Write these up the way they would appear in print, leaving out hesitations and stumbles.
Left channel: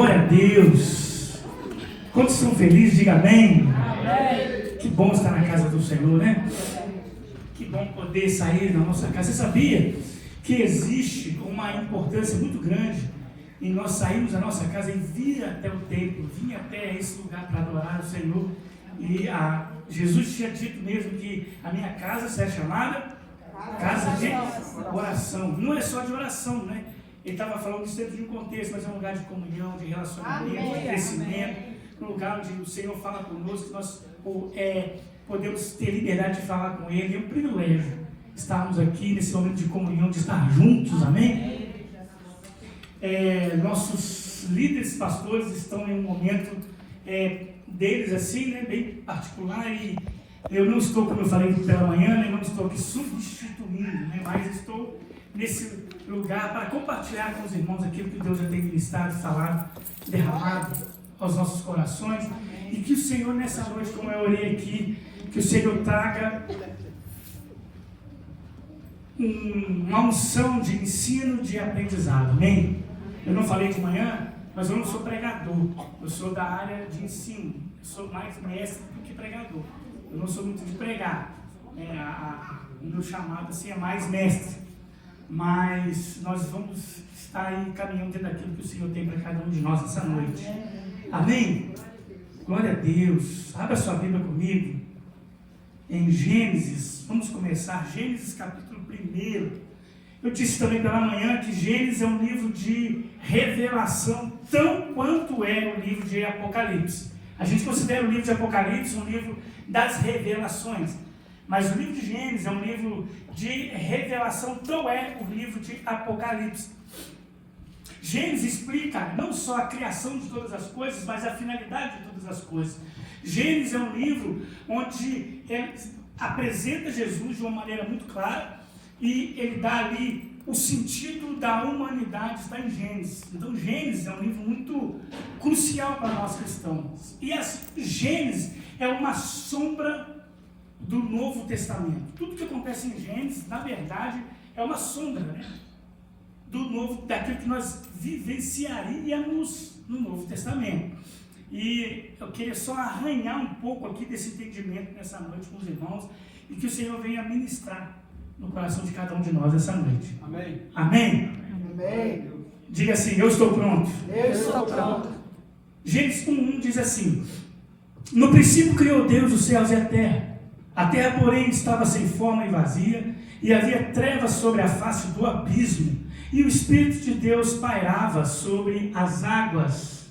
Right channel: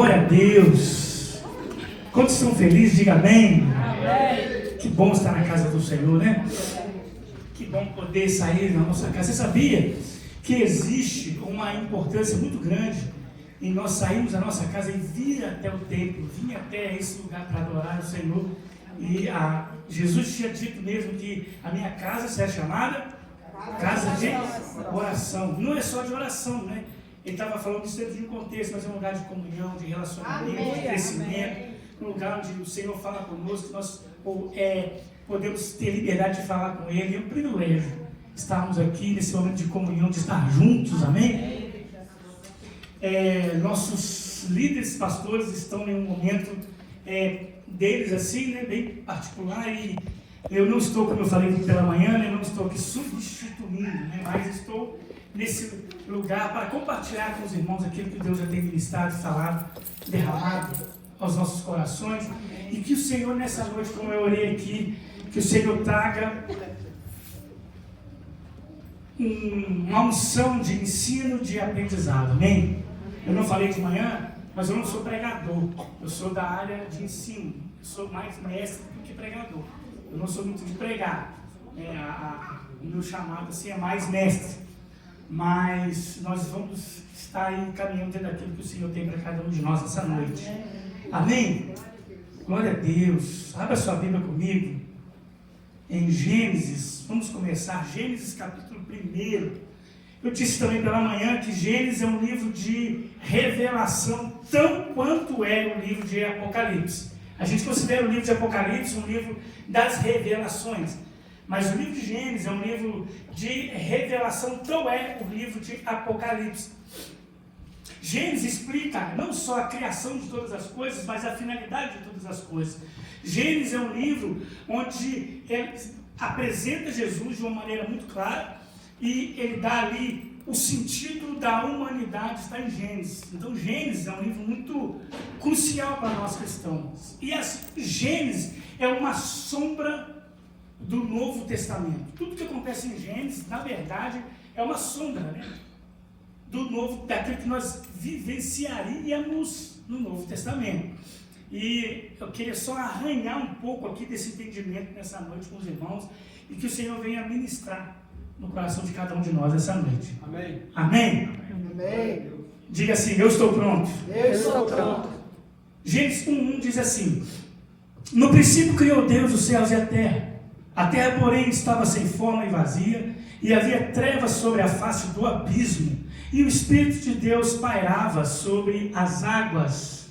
Glória a Deus. Quantos estão felizes, diga amém. Que bom estar na casa do Senhor, né? Que bom poder sair da nossa casa. Você sabia que existe uma importância muito grande em nós sairmos da nossa casa e vir até o templo, vir até esse lugar para adorar o Senhor? E Jesus tinha dito mesmo que a minha casa será chamada casa de oração. Não é só de oração, né? Ele estava falando isso dentro de um contexto, mas é um lugar de comunhão, de relacionamento, de crescimento, um lugar onde o Senhor fala conosco, nós podemos ter liberdade de falar com Ele. É um privilégio estarmos aqui nesse momento de comunhão, de estar juntos, amém? Nossos líderes, pastores, estão em um momento deles assim, né, bem particular, e eu não estou, como eu falei pela manhã, eu não estou aqui substituindo, né, mas estou nesse lugar para compartilhar com os irmãos aquilo que Deus já tem ministrado, falado, derramado aos nossos corações, e que o Senhor nessa noite, como eu orei aqui, que o Senhor traga uma unção de ensino, de aprendizado, amém? Eu não falei de manhã, mas eu não sou pregador, eu sou da área de ensino, eu sou mais mestre do que pregador, eu não sou muito de pregar, o meu chamado assim é mais mestre, mas nós vamos estar aí caminhando dentro daquilo que o Senhor tem para cada um de nós essa noite, amém? Glória a Deus. Abra sua Bíblia comigo em Gênesis, vamos começar, Gênesis capítulo 1. Eu disse também pela manhã que Gênesis é um livro de revelação, tão quanto é o livro de Apocalipse. A gente considera o livro de Apocalipse um livro das revelações, mas o livro de Gênesis é um livro de revelação, tão é o livro de Apocalipse. Gênesis explica não só a criação de todas as coisas, mas a finalidade de todas as coisas. Gênesis é um livro onde ele apresenta Jesus de uma maneira muito clara, e ele dá ali o sentido da humanidade, está em Gênesis. Então Gênesis é um livro muito crucial para nós cristãos. E Gênesis é uma sombra do Novo Testamento. Tudo que acontece em Gênesis, na verdade, é uma sombra, né, do Novo, daquilo que nós vivenciaríamos no Novo Testamento. E eu queria só arranhar um pouco aqui desse entendimento nessa noite com os irmãos, e que o Senhor venha ministrar no coração de cada um de nós essa noite. Amém. Amém? Amém. Diga assim: eu estou pronto. Eu estou pronto. Gênesis 1:1 diz assim: no princípio criou Deus os céus e a terra. A terra, porém, estava sem forma e vazia, e havia trevas sobre a face do abismo, e o Espírito de Deus pairava sobre as águas.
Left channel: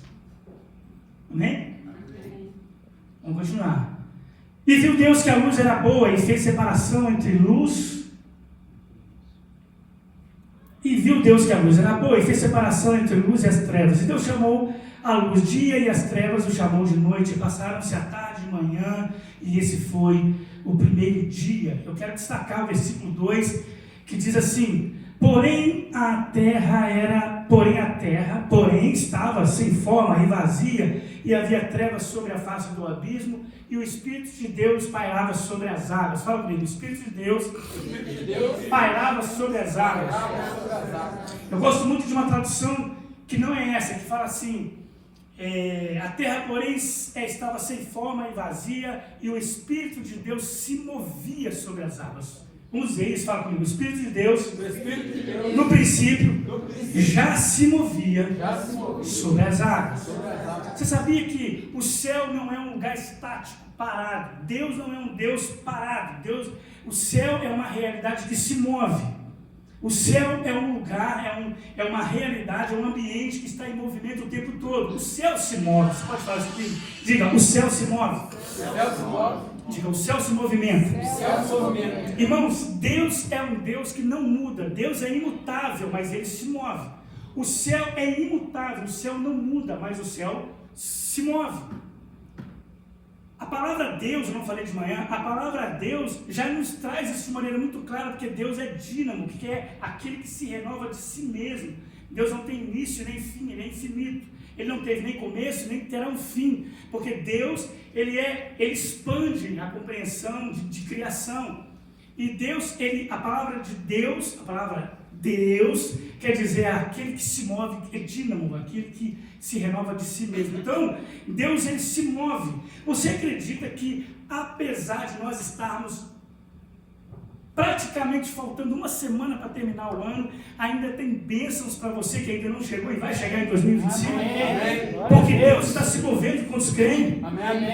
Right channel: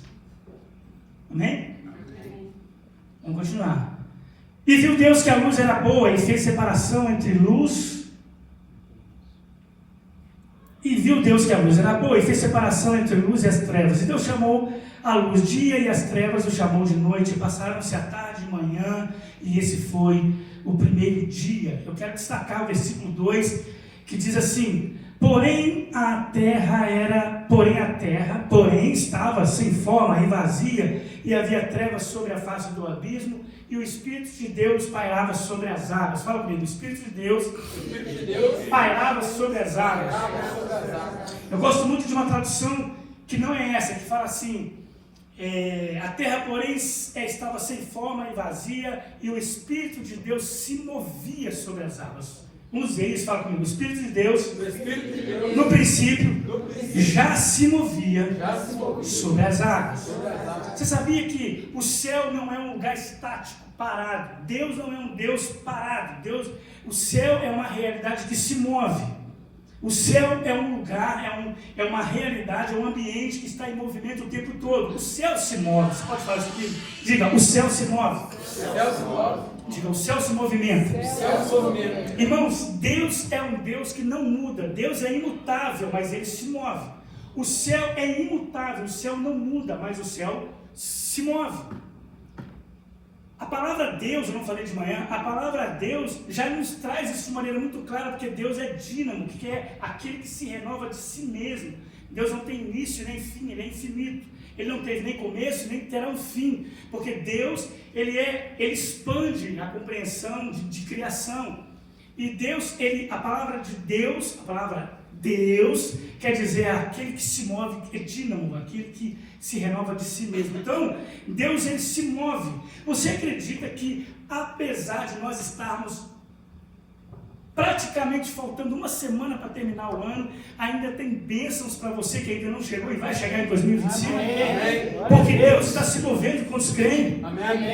Amém? Vamos continuar. E viu Deus que a luz era boa, e fez separação entre luz. E viu Deus que a luz era boa, e fez separação entre a luz e as trevas. E Deus chamou a luz dia, e as trevas o chamou de noite. E passaram-se a tarde e manhã, e esse foi o primeiro dia. Eu quero destacar o versículo 2, que diz assim: Porém a terra estava sem forma e vazia, e havia trevas sobre a face do abismo, e o Espírito de Deus pairava sobre as águas. Fala comigo: o Espírito de Deus pairava sobre as águas. Eu gosto muito de uma tradução que não é essa, que fala assim: a terra, porém, estava sem forma e vazia, e o Espírito de Deus se movia sobre as águas. Uns deles, fala comigo: o Espírito de Deus, no princípio, já se movia sobre as águas. Você sabia que o céu não é um lugar estático, parado? Deus não é um Deus parado. O céu é uma realidade que se move. O céu é um lugar, é uma realidade, é um ambiente que está em movimento o tempo todo. O céu se move. Você pode falar isso aqui? Diga: o céu se move. Diga: o céu se movimenta. Irmãos, Deus é um Deus que não muda. Deus é imutável, mas Ele se move. O céu é imutável, o céu não muda, mas o céu se move. A palavra Deus, eu não falei de manhã, a palavra Deus já nos traz isso de maneira muito clara, porque Deus é dínamo, que é aquele que se renova de si mesmo. Deus não tem início nem fim, Ele é infinito. Ele não teve nem começo, nem terá um fim, porque Deus, Ele expande a compreensão de criação. E Deus, a palavra de Deus, a palavra Deus quer dizer aquele que se move, é dínamo, aquele que se renova de si mesmo. Então, Deus, ele se move. Você acredita que, apesar de nós estarmos praticamente faltando uma semana para terminar o ano, ainda tem bênçãos para você que ainda não chegou e vai chegar em 2025? Amém. Porque Deus está se movendo com os crentes.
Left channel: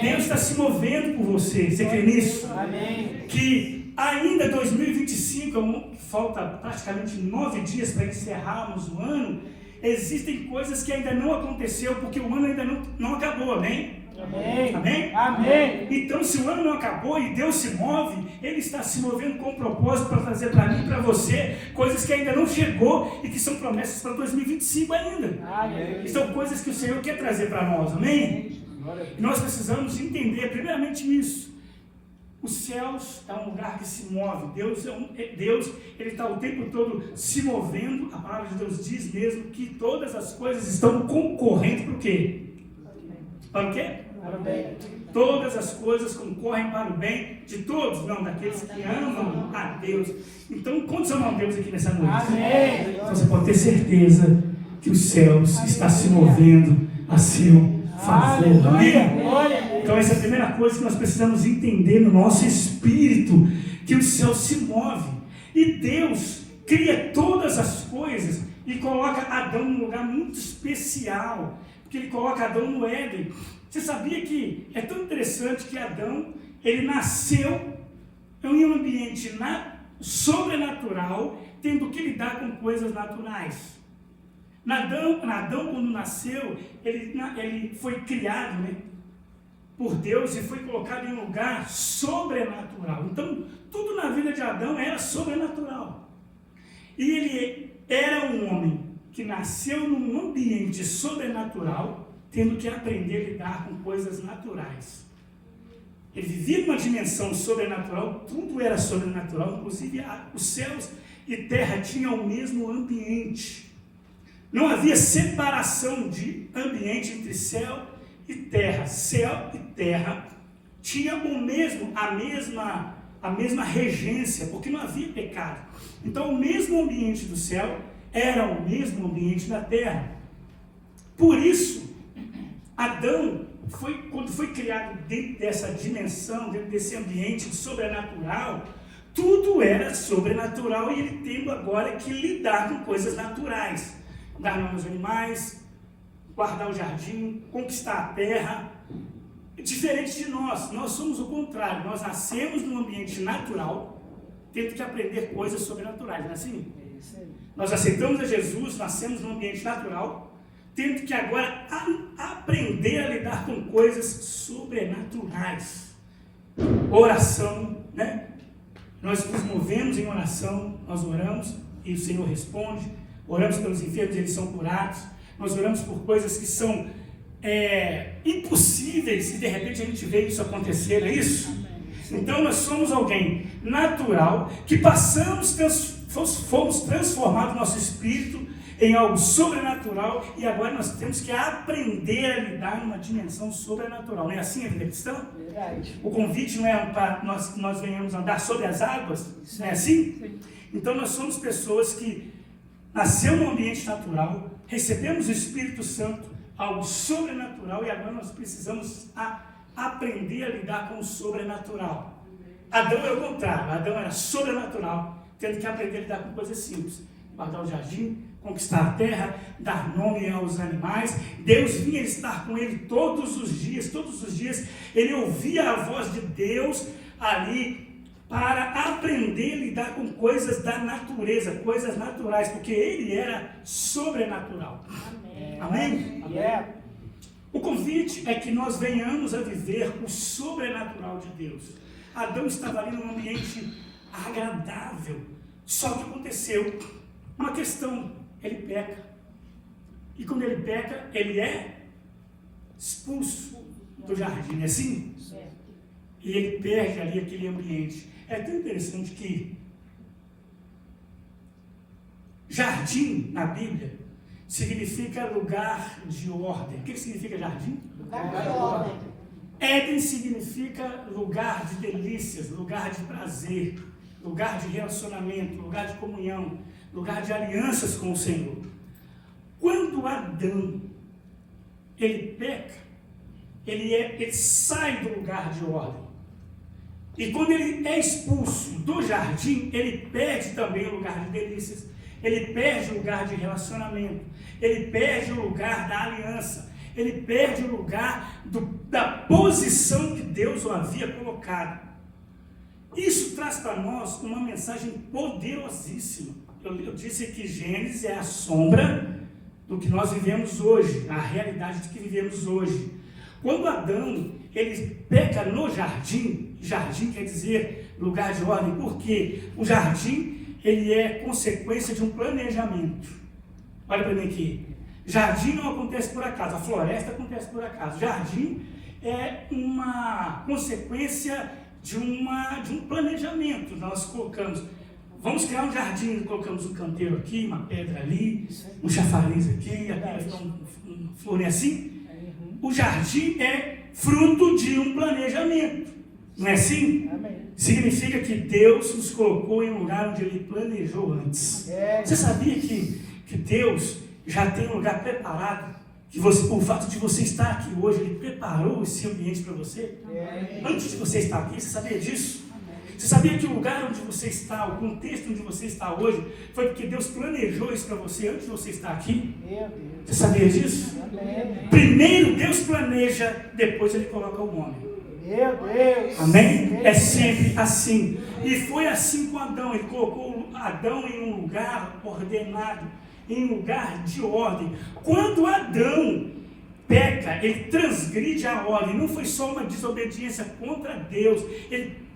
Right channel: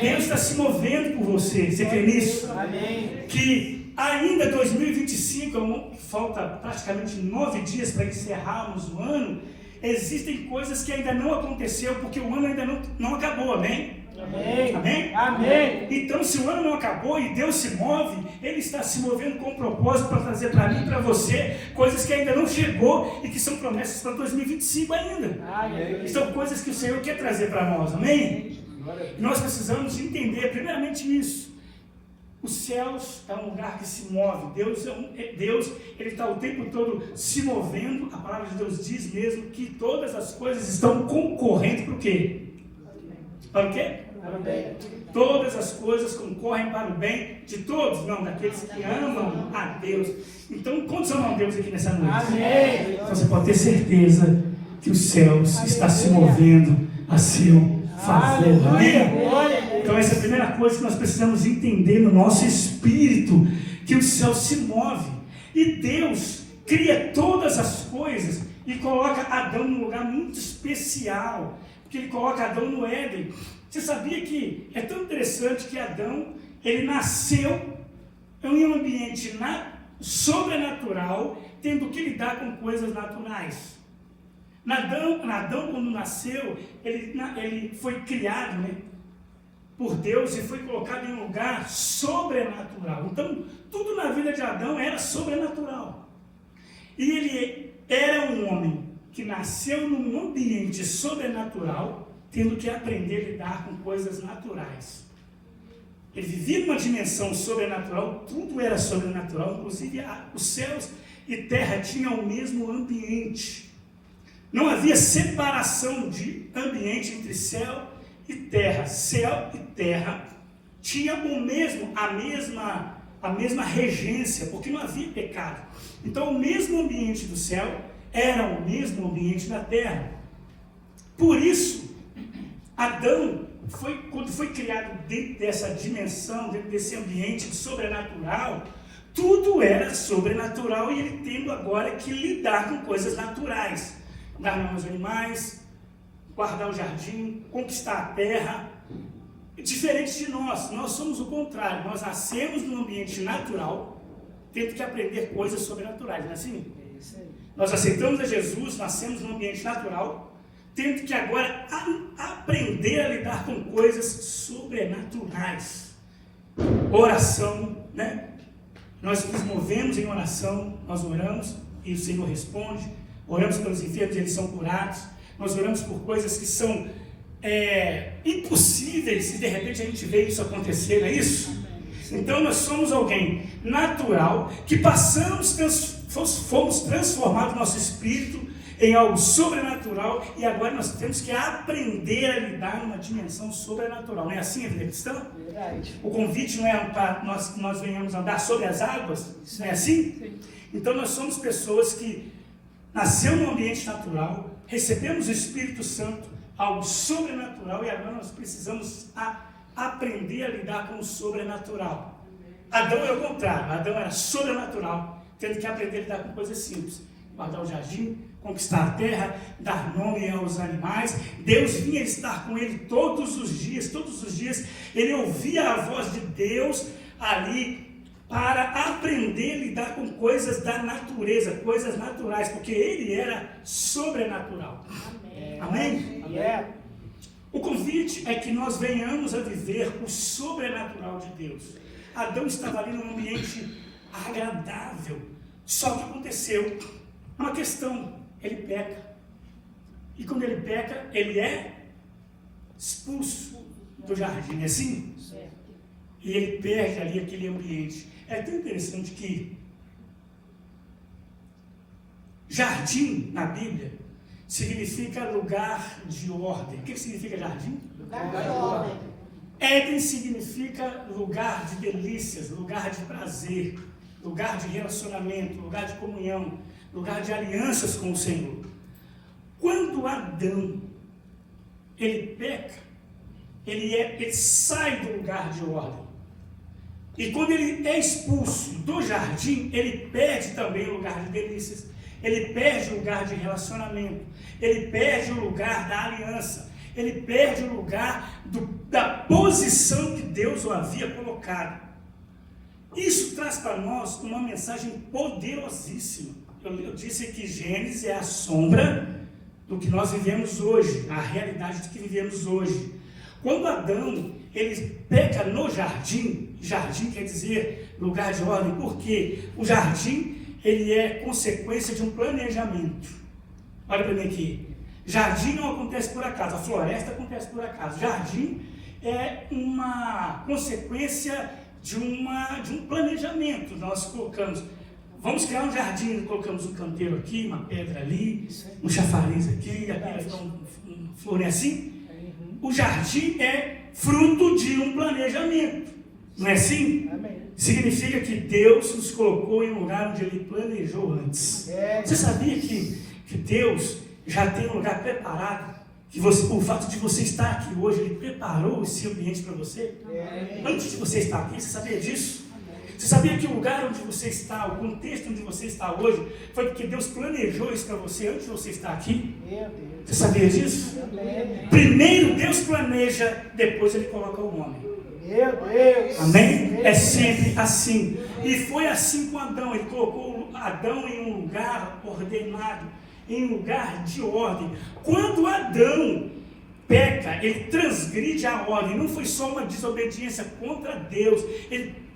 Deus está se movendo por você. Você crê nisso? Amém. Que ainda 2025, falta praticamente 9 dias para encerrarmos o ano, existem coisas que ainda não aconteceu, porque o ano ainda não acabou, amém? Amém. Amém? Amém. Então, se o ano não acabou e Deus se move, Ele está se movendo com propósito para trazer para mim e para você coisas que ainda não chegou e que são promessas para 2025 ainda. Amém. São coisas que o Senhor quer trazer para nós, amém? E nós precisamos entender, primeiramente, isso. Os céus é um lugar que se move. Deus, Ele está o tempo todo se movendo. A palavra de Deus diz mesmo que todas as coisas estão concorrendo para o quê? Para o quê? Para o bem. Todas as coisas concorrem para o bem de todos, não, daqueles que amam a Deus. Então, quantos amam a Deus aqui nessa noite? Amém. Então, você pode ter certeza que os céus estão se movendo a seu favor. Amém? Então, essa é a primeira coisa que nós precisamos entender no nosso espírito, que o céu se move. E Deus cria todas as coisas e coloca Adão num lugar muito especial, porque Ele coloca Adão no Éden. Você sabia que é tão interessante que Adão, ele nasceu em um ambiente sobrenatural, tendo que lidar com coisas naturais. Adão, quando nasceu, ele foi criado, né, por Deus e foi colocado em um lugar sobrenatural. Então, tudo na vida de Adão era sobrenatural. E ele era um homem que nasceu num ambiente sobrenatural, tendo que aprender a lidar com coisas naturais. Ele vivia numa dimensão sobrenatural, tudo era sobrenatural, inclusive os céus e terra tinham o mesmo ambiente. Não havia separação de ambiente entre céu e terra. Céu e terra tinham a mesma regência, porque não havia pecado. Então, o mesmo ambiente do céu era o mesmo ambiente da terra. Por isso, Adão, quando foi criado dentro dessa dimensão, dentro desse ambiente sobrenatural, tudo era sobrenatural e ele tendo agora que lidar com coisas naturais. Dar nome aos animais, guardar o jardim, conquistar a terra. Diferente de nós somos o contrário. Nós nascemos num ambiente natural, tendo que aprender coisas sobrenaturais, não é assim? Nós aceitamos a Jesus, nascemos num ambiente natural, tendo que agora aprender a lidar com coisas sobrenaturais. Oração, né? Nós nos movemos em oração, nós oramos e o Senhor responde. Oramos pelos enfermos, eles são curados. Nós oramos por coisas que são impossíveis e de repente a gente vê isso acontecer, é isso? Então nós somos alguém natural que fomos transformados nosso espírito em algo sobrenatural e agora nós temos que aprender a lidar numa dimensão sobrenatural. Não é assim a vida cristã? O convite não é para nós venhamos andar sobre as águas? Não é assim? Então nós somos pessoas que nascemos num ambiente natural, recebemos o Espírito Santo, algo sobrenatural, e agora nós precisamos aprender a lidar com o sobrenatural. Adão é o contrário. Adão era sobrenatural, tendo que aprender a lidar com coisas simples. Guardar o jardim, conquistar a terra, dar nome aos animais. Deus vinha estar com ele todos os dias ele ouvia a voz de Deus ali para aprender a lidar com coisas da natureza, coisas naturais, porque ele era sobrenatural. Amém? Amém? O convite é que nós venhamos a viver o sobrenatural de Deus. Adão estava ali num ambiente agradável, só que aconteceu uma questão: ele peca. E quando ele peca, ele é expulso do jardim, assim? E ele perde ali aquele ambiente. É tão interessante que jardim na Bíblia significa lugar de ordem. O que significa jardim? Éden significa lugar de delícias, lugar de prazer, lugar de relacionamento, lugar de comunhão, lugar de alianças com o Senhor. Quando Adão, ele peca, ele sai do lugar de ordem. E quando ele é expulso do jardim, ele perde também o lugar de delícias, ele perde o lugar de relacionamento, ele perde o lugar da aliança, ele perde o lugar da posição que Deus o havia colocado. Isso traz para nós uma mensagem poderosíssima. Eu disse que Gênesis é a sombra do que nós vivemos hoje, a realidade do que vivemos hoje. Quando Adão, ele peca no jardim, jardim quer dizer lugar de ordem, porque o jardim, ele é consequência de um planejamento. Olha para mim aqui, jardim não acontece por acaso, a floresta acontece por acaso, jardim é uma consequência de um planejamento. Nós colocamos, vamos criar um jardim, colocamos um canteiro aqui, uma pedra ali, um chafariz aqui, aqui vai ficar um flor, assim. O jardim é fruto de um planejamento, não é assim? Amém. Significa que Deus nos colocou em um lugar onde Ele planejou antes. Você sabia que Deus já tem um lugar preparado? Que o fato de você estar aqui hoje, Ele preparou esse ambiente para você? Antes de você estar aqui, você sabia disso? Você sabia que o lugar onde você está, o contexto onde você está hoje, foi porque Deus planejou isso para você antes de você estar aqui? Você sabia disso? Primeiro Deus planeja, depois Ele coloca o homem. Meu Deus! Amém? É sempre assim. E foi assim com Adão. Ele colocou Adão em um lugar ordenado, em um lugar de ordem. Quando Adão peca, ele transgride a ordem. Não foi só uma desobediência contra Deus. Ele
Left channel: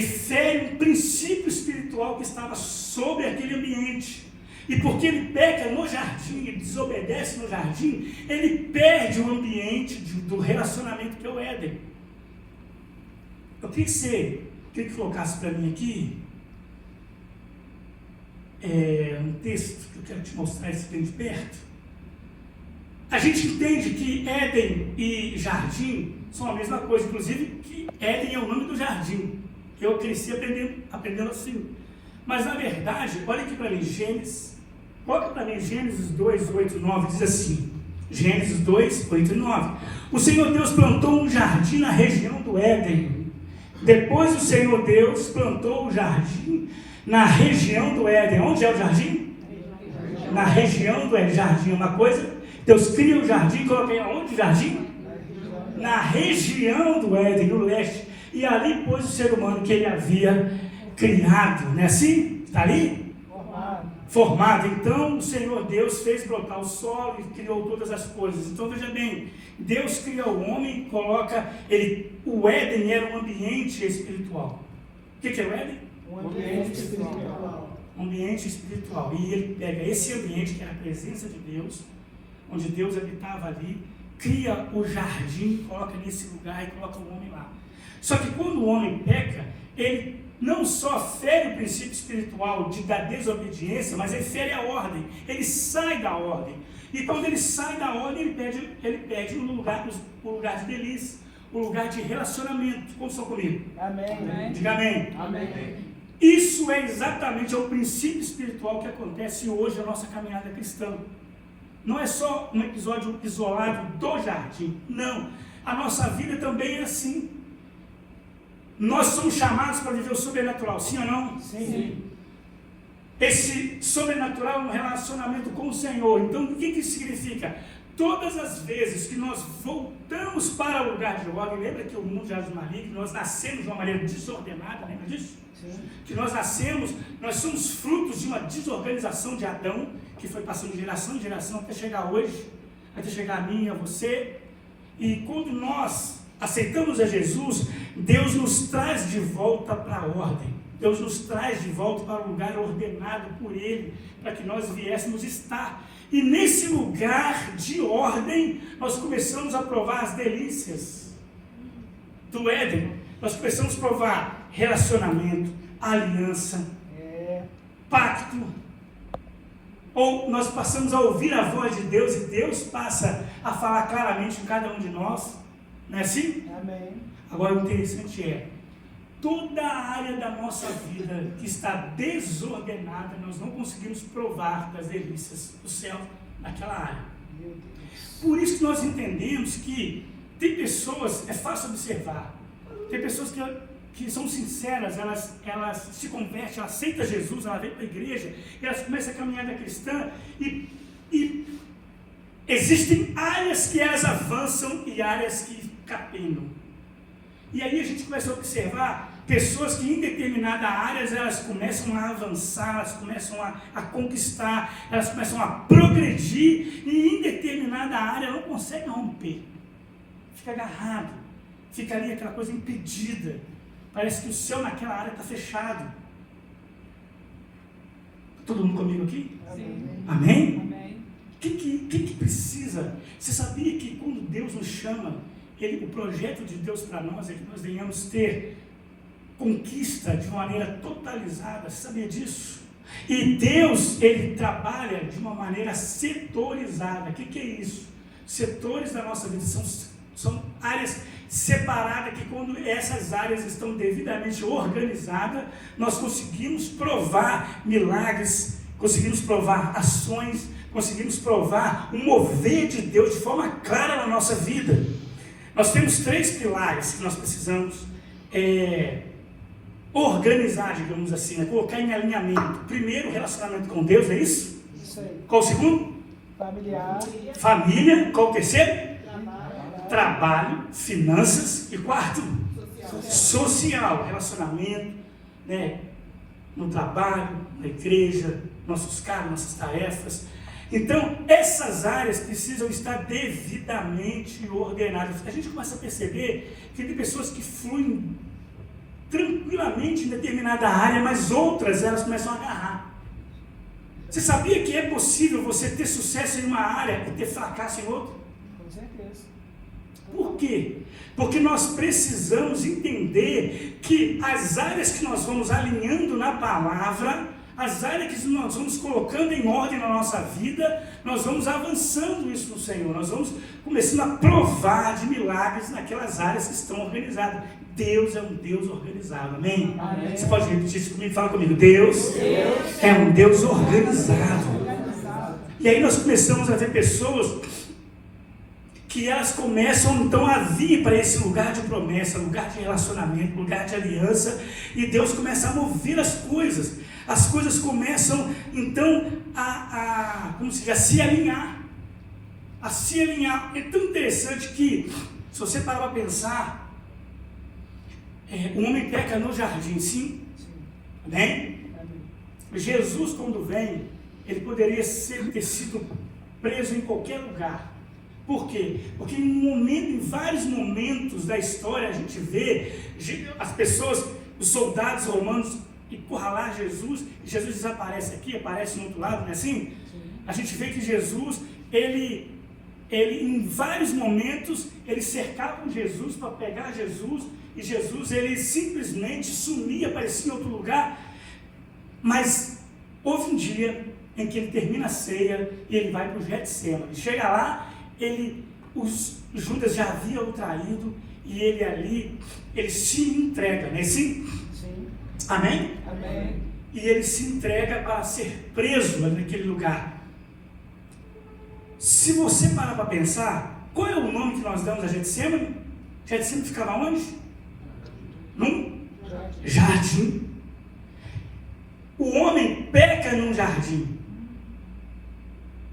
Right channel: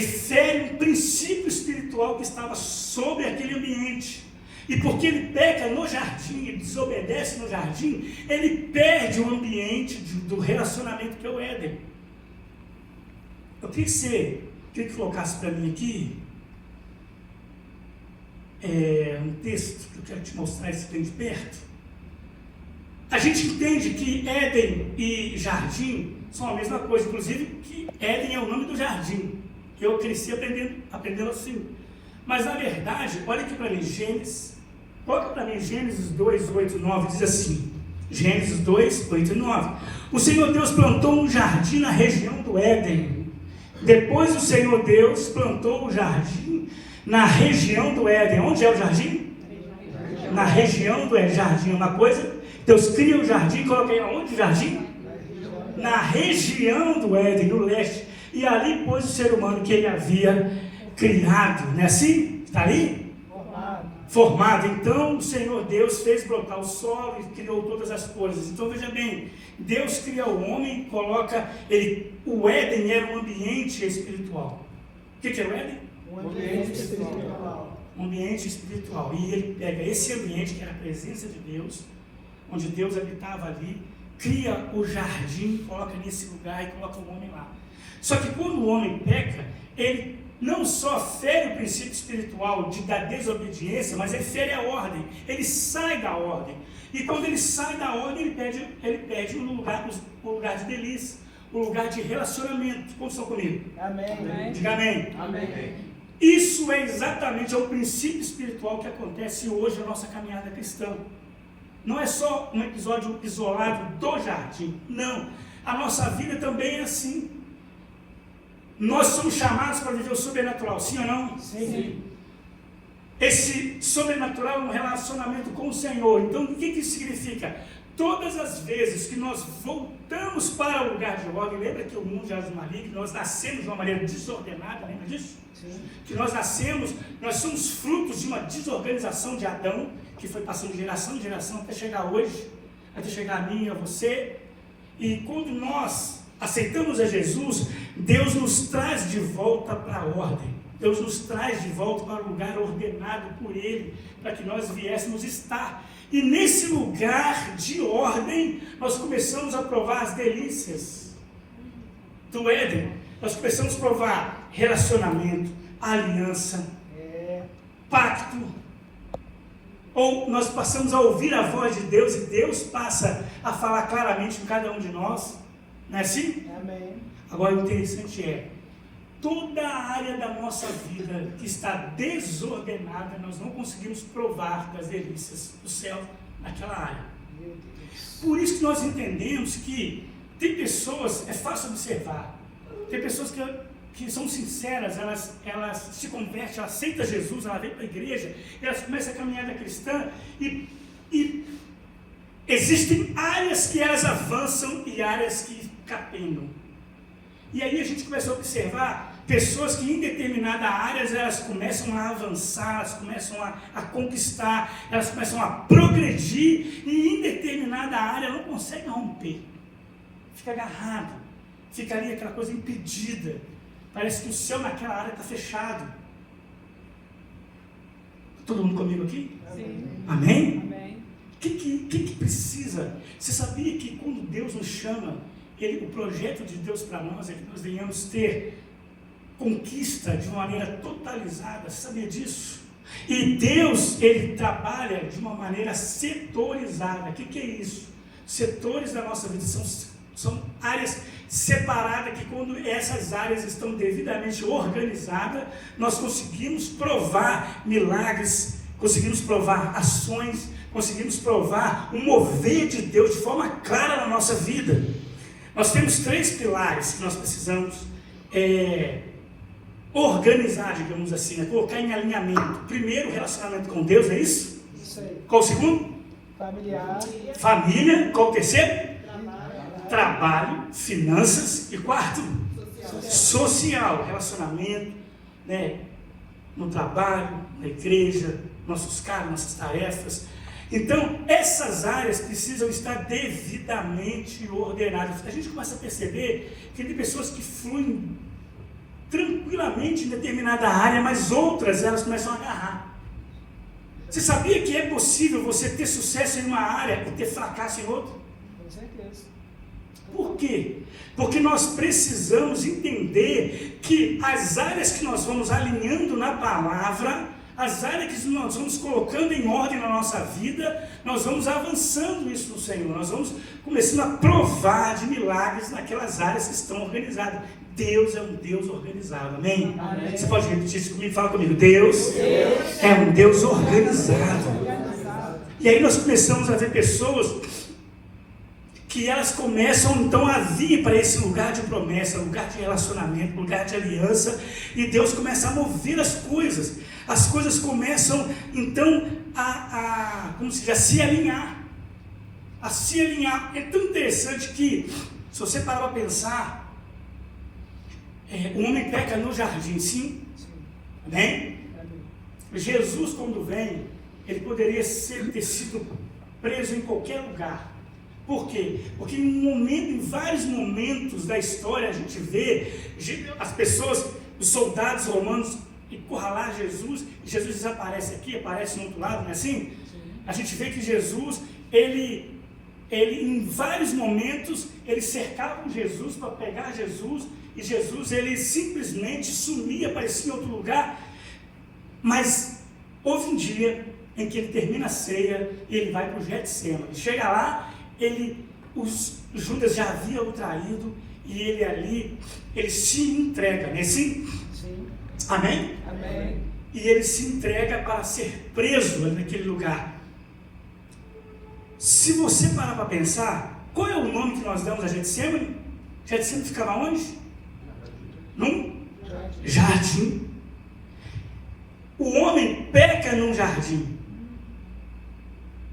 fere um princípio espiritual que estava sobre aquele ambiente. E porque ele peca no jardim, ele desobedece no jardim, ele perde o ambiente do relacionamento que é o Éden. Eu queria que colocasse para mim aqui um texto que eu quero te mostrar esse bem de perto. A gente entende que Éden e jardim são a mesma coisa, inclusive que Éden é o nome do jardim, que eu cresci aprendendo assim. Mas na verdade, olha aqui para mim, coloca para mim Gênesis 2, 8 e 9, diz assim, Gênesis 2, 8 e 9. O Senhor Deus plantou um jardim na região do Éden. Depois o Senhor Deus plantou o jardim na região do Éden. Onde é o jardim? Na região do Éden. Jardim é uma coisa. Deus cria o jardim, coloca aí aonde o jardim? Na região do Éden, no leste. E ali pôs o ser humano que ele havia criado. Não é assim? Está aí? Formado. Então o Senhor Deus fez brotar o solo e criou todas as coisas. Então veja bem, Deus cria o homem e coloca o Éden era um ambiente espiritual. O que é o Éden? Um ambiente espiritual. Um ambiente espiritual. E ele pega esse ambiente que era a presença de Deus, onde Deus habitava ali, cria o jardim, coloca nesse lugar e coloca o homem lá. Só que quando o homem peca, ele não só fere o princípio espiritual da desobediência, mas ele fere a ordem, ele sai da ordem. E quando ele sai da ordem, ele perde o lugar de delícia, o lugar de relacionamento. Como estão comigo? Amém. Diga amém. Amém. Isso é exatamente o princípio espiritual que acontece hoje na nossa caminhada cristã. Não é só um episódio isolado do jardim, não. A nossa vida também é assim. Nós somos chamados para viver o sobrenatural, sim ou não? Sim. Esse sobrenatural é um relacionamento com o Senhor. Então, o que isso significa? Todas as vezes que nós voltamos para o lugar de ordem, lembra que o mundo já é maligno, nós nascemos de uma maneira desordenada, lembra disso? Sim. Que nós somos frutos de uma desorganização de Adão, que foi passando de geração em geração até chegar hoje, até chegar a mim e a você. E quando nós aceitamos a Jesus, Deus nos traz de volta para a ordem. Deus nos traz de volta para o lugar ordenado por Ele, para que nós viéssemos estar. E nesse lugar de ordem, nós começamos a provar as delícias do Éden. Nós começamos a provar relacionamento, aliança, pacto. Ou nós passamos a ouvir a voz de Deus e Deus passa a falar claramente com cada um de nós. Não é assim? Amém. Agora o interessante toda a área da nossa vida que está desordenada, nós não conseguimos provar das delícias do céu naquela área. Por isso que nós entendemos que tem pessoas, é fácil observar, tem pessoas que são sinceras, elas se convertem, elas aceitam Jesus, elas vêm para a igreja, elas começam a caminhada cristã e existem áreas que elas avançam e áreas que capenam. E aí a gente começa a observar pessoas que em determinada área elas começam a avançar, elas começam a conquistar, elas começam a progredir, e em determinada área não conseguem romper. Fica agarrado, fica ali aquela coisa impedida. Parece que o céu naquela área está fechado. Todo mundo comigo aqui? Sim. Amém? Amém. O que precisa? Você sabia que quando Deus nos chama, o projeto de Deus para nós é que nós venhamos ter conquista de uma maneira totalizada? Sabia disso? E Deus, Ele trabalha de uma maneira setorizada. O que é isso? Setores da nossa vida são áreas separadas, que quando essas áreas estão devidamente organizadas, nós conseguimos provar milagres, conseguimos provar ações, conseguimos provar o mover de Deus de forma clara na nossa vida. Nós temos 3 pilares que nós precisamos organizar, digamos assim, colocar em alinhamento. Primeiro, relacionamento com Deus, é isso? Isso aí. Qual o segundo? Familiar. Família. Qual o terceiro? Trabalho, finanças. E quarto? Social. Relacionamento, né? No trabalho, na igreja, nossos cargos, nossas tarefas. Então, essas áreas precisam estar devidamente ordenadas. A gente começa a perceber que tem pessoas que fluem tranquilamente em determinada área, mas outras elas começam a agarrar. Você sabia que é possível você ter sucesso em uma área e ter fracasso em outra? Com certeza. Por quê? Porque nós precisamos entender que as áreas que nós vamos alinhando na palavra, as áreas que nós vamos colocando em ordem na nossa vida, nós vamos avançando isso no Senhor, nós vamos começando a provar de milagres naquelas áreas que estão organizadas. Deus é um Deus organizado, amém? Amém. Você pode repetir isso comigo? Fala comigo. Deus é um Deus organizado. E aí nós começamos a ver pessoas que elas começam então a vir para esse lugar de promessa, lugar de relacionamento, lugar de aliança, e Deus começa a mover as coisas começam então como se diz, a se alinhar, É tão interessante que, se você parar para pensar, o homem peca no jardim, sim? Amém? Jesus, quando vem, ele poderia ter sido preso em qualquer lugar. Por quê? Porque em vários momentos da história a gente vê as pessoas, os soldados romanos, encurralar Jesus, e Jesus desaparece aqui, aparece no outro lado, não é assim? Sim. A gente vê que Jesus, ele em vários momentos, ele cercava Jesus para pegar Jesus, e Jesus, ele simplesmente sumia, aparecia em outro lugar. Mas houve um dia em que ele termina a ceia e ele vai para o Getsemane. Chega lá, os Judas já haviam o traído, e ele ali, ele se entrega, não é assim? Sim. Amém? Amém. E ele se entrega para ser preso naquele lugar. Se você parar para pensar, qual é o nome que nós damos a Getsemane? Getsemane ficava onde? Num jardim. O homem peca num jardim.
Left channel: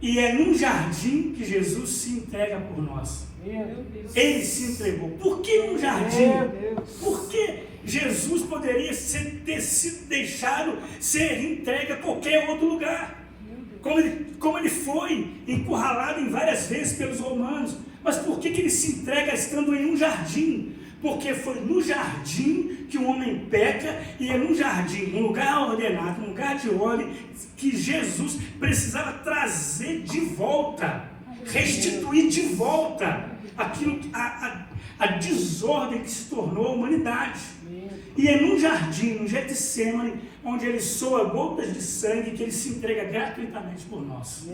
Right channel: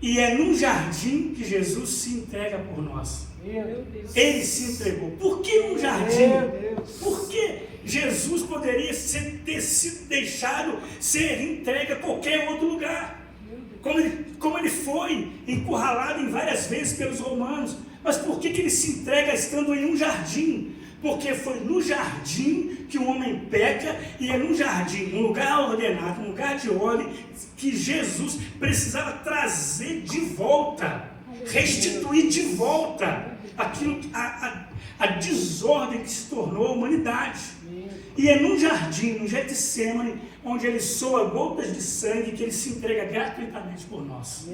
E é num jardim que Jesus se entrega por nós. Ele se entregou. Por que num jardim? Por que Jesus poderia ter sido deixado ser entregue a qualquer outro lugar? Como ele foi encurralado em várias vezes pelos romanos. Mas por que ele se entrega estando em um jardim? Porque foi no jardim que o homem peca, e é no jardim, num lugar ordenado, num lugar de ordem, que Jesus precisava trazer de volta, restituir de volta aquilo, a desordem que se tornou a humanidade. E é num jardim, no Getsemane, onde ele soa gotas de sangue, que ele se entrega gratuitamente por nós.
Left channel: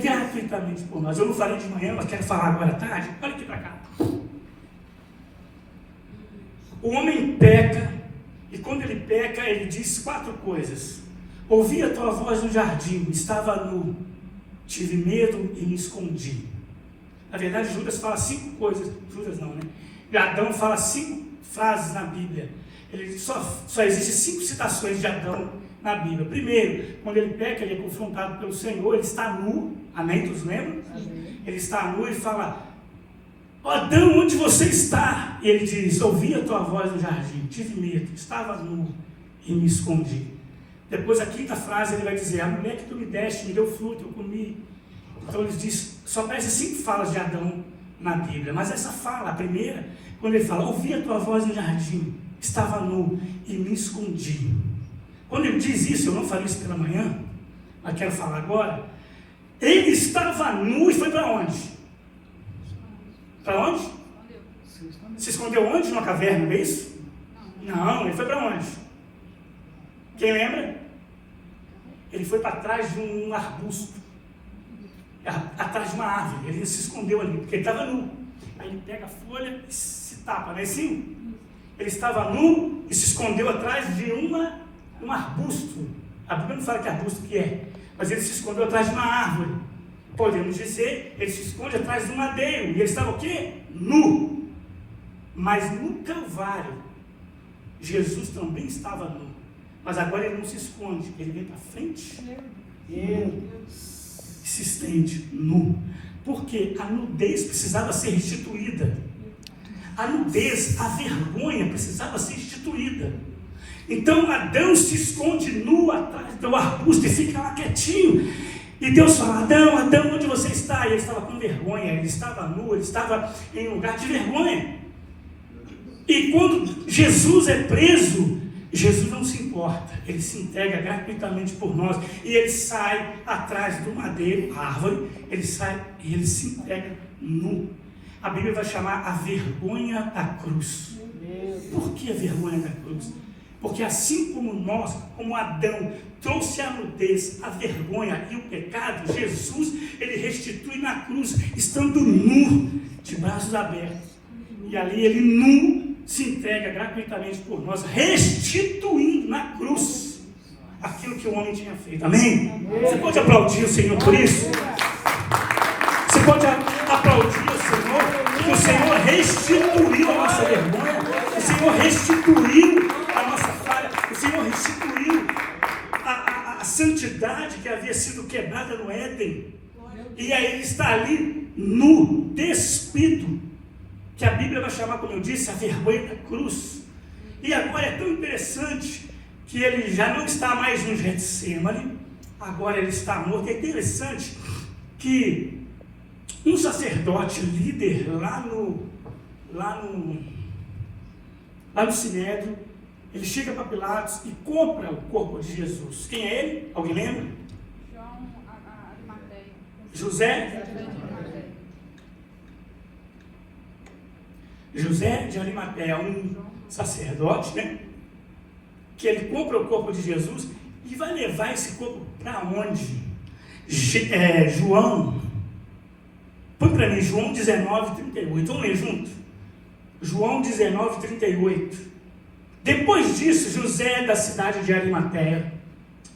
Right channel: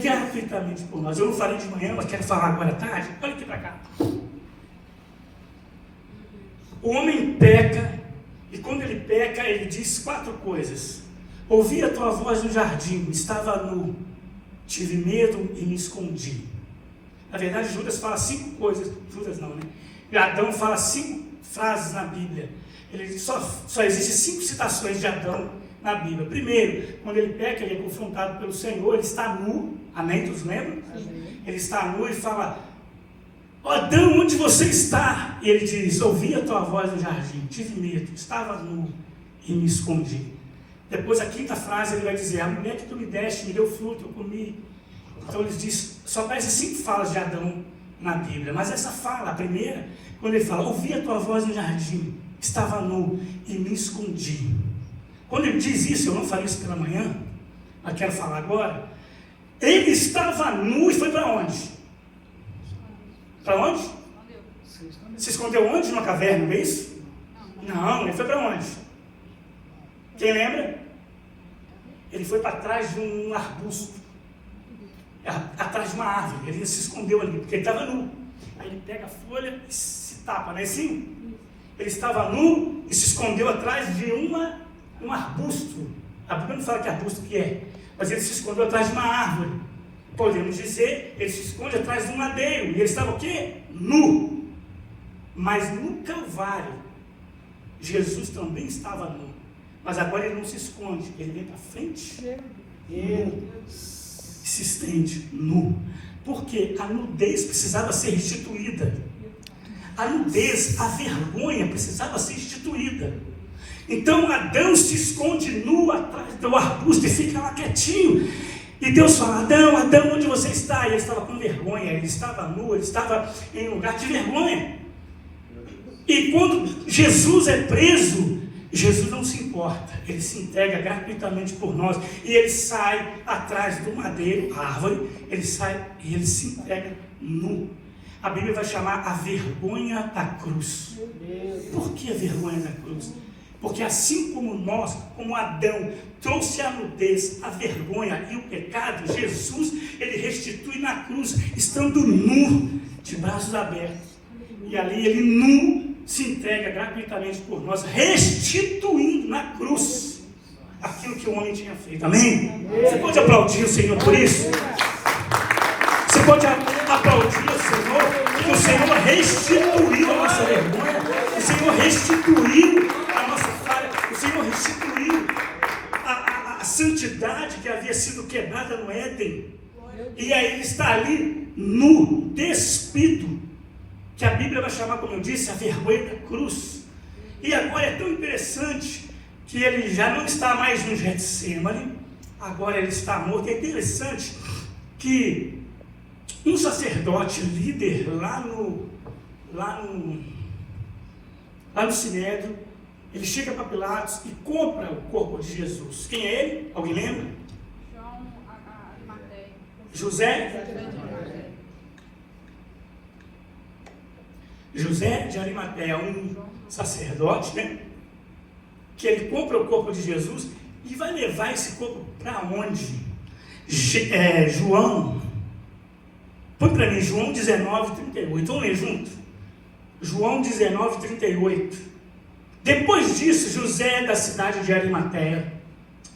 Gratuitamente por nós. Eu não falei de manhã, mas quero falar agora à tarde. Olha aqui para cá. O homem peca, e quando ele peca, ele diz 4 coisas. Ouvi a tua voz no jardim, estava nu, tive medo e me escondi. Na verdade, Judas fala 5 coisas, Judas não, né? Adão fala 5 frases na Bíblia. Ele só existem 5 citações de Adão na Bíblia. Primeiro, quando ele peca, ele é confrontado pelo Senhor, ele está nu, amém? Todos lembram? Ele está nu e fala: Adão, onde você está? E ele diz: ouvi a tua voz no jardim, tive medo, estava nu e me escondi. Depois, a 5ª frase, ele vai dizer: a mulher que tu me deste me deu fruto, eu comi. Então ele diz, só aparece 5 falas de Adão na Bíblia, mas essa fala, a primeira, quando ele fala: ouvi a tua voz no jardim, estava nu e me escondi. Quando ele diz isso, eu não falei isso pela manhã, mas quero falar agora. Ele estava nu e foi para onde? Para onde? Se escondeu onde? Numa caverna, não é isso? Não, ele foi para onde? Quem lembra? Ele foi para trás de um arbusto, atrás de uma árvore. Ele se escondeu ali, porque ele estava nu. Aí ele pega a folha e se tapa, não é assim? Ele estava nu e se escondeu atrás de um arbusto. A Bíblia não fala que arbusto que é, mas ele se escondeu atrás de uma árvore. Podemos dizer, ele se esconde atrás de um madeiro. E ele estava o quê? Nu. Mas no Calvário, Jesus também estava nu. Mas agora ele não se esconde, ele vem para frente, nu, se estende nu. Porque a nudez precisava ser restituída. A nudez, a vergonha precisava ser restituída. Então Adão se esconde nu atrás do arbusto e fica lá quietinho. E Deus fala: Adão, Adão, onde você está? E ele estava com vergonha, ele estava nu, ele estava em um lugar de vergonha. E quando Jesus é preso, Jesus não se importa, ele se entrega gratuitamente por nós. E ele sai atrás do madeiro, árvore, ele sai e ele se entrega nu. A Bíblia vai chamar a vergonha da cruz. Por que a vergonha da cruz? Porque assim como nós, como Adão, trouxe a nudez, a vergonha e o pecado, Jesus, ele restitui na cruz, estando nu, de braços abertos. E ali ele nu se entrega gratuitamente por nós, restituindo na cruz aquilo que o homem tinha feito. Amém? Você pode aplaudir o Senhor por isso? Você pode aplaudir o Senhor, porque o Senhor restituiu a nossa vergonha, o Senhor restituiu a nossa falha, o Senhor restituiu a santidade que havia sido quebrada no Éden. E aí ele está ali nu, despido, que a Bíblia vai chamar, como eu disse, a vergonha da cruz. E agora é tão interessante que ele já não está mais no Getsemane, agora ele está morto. É interessante que um sacerdote líder lá no Sinédrio, ele chega para Pilatos e compra o corpo de Jesus. Quem é ele? Alguém lembra? José de Arimateia, um sacerdote, né? Que ele compra o corpo de Jesus e vai levar esse corpo para onde? João, põe para mim, João 19:38, vamos ler junto? João 19:38. Depois disso, José da cidade de Arimateia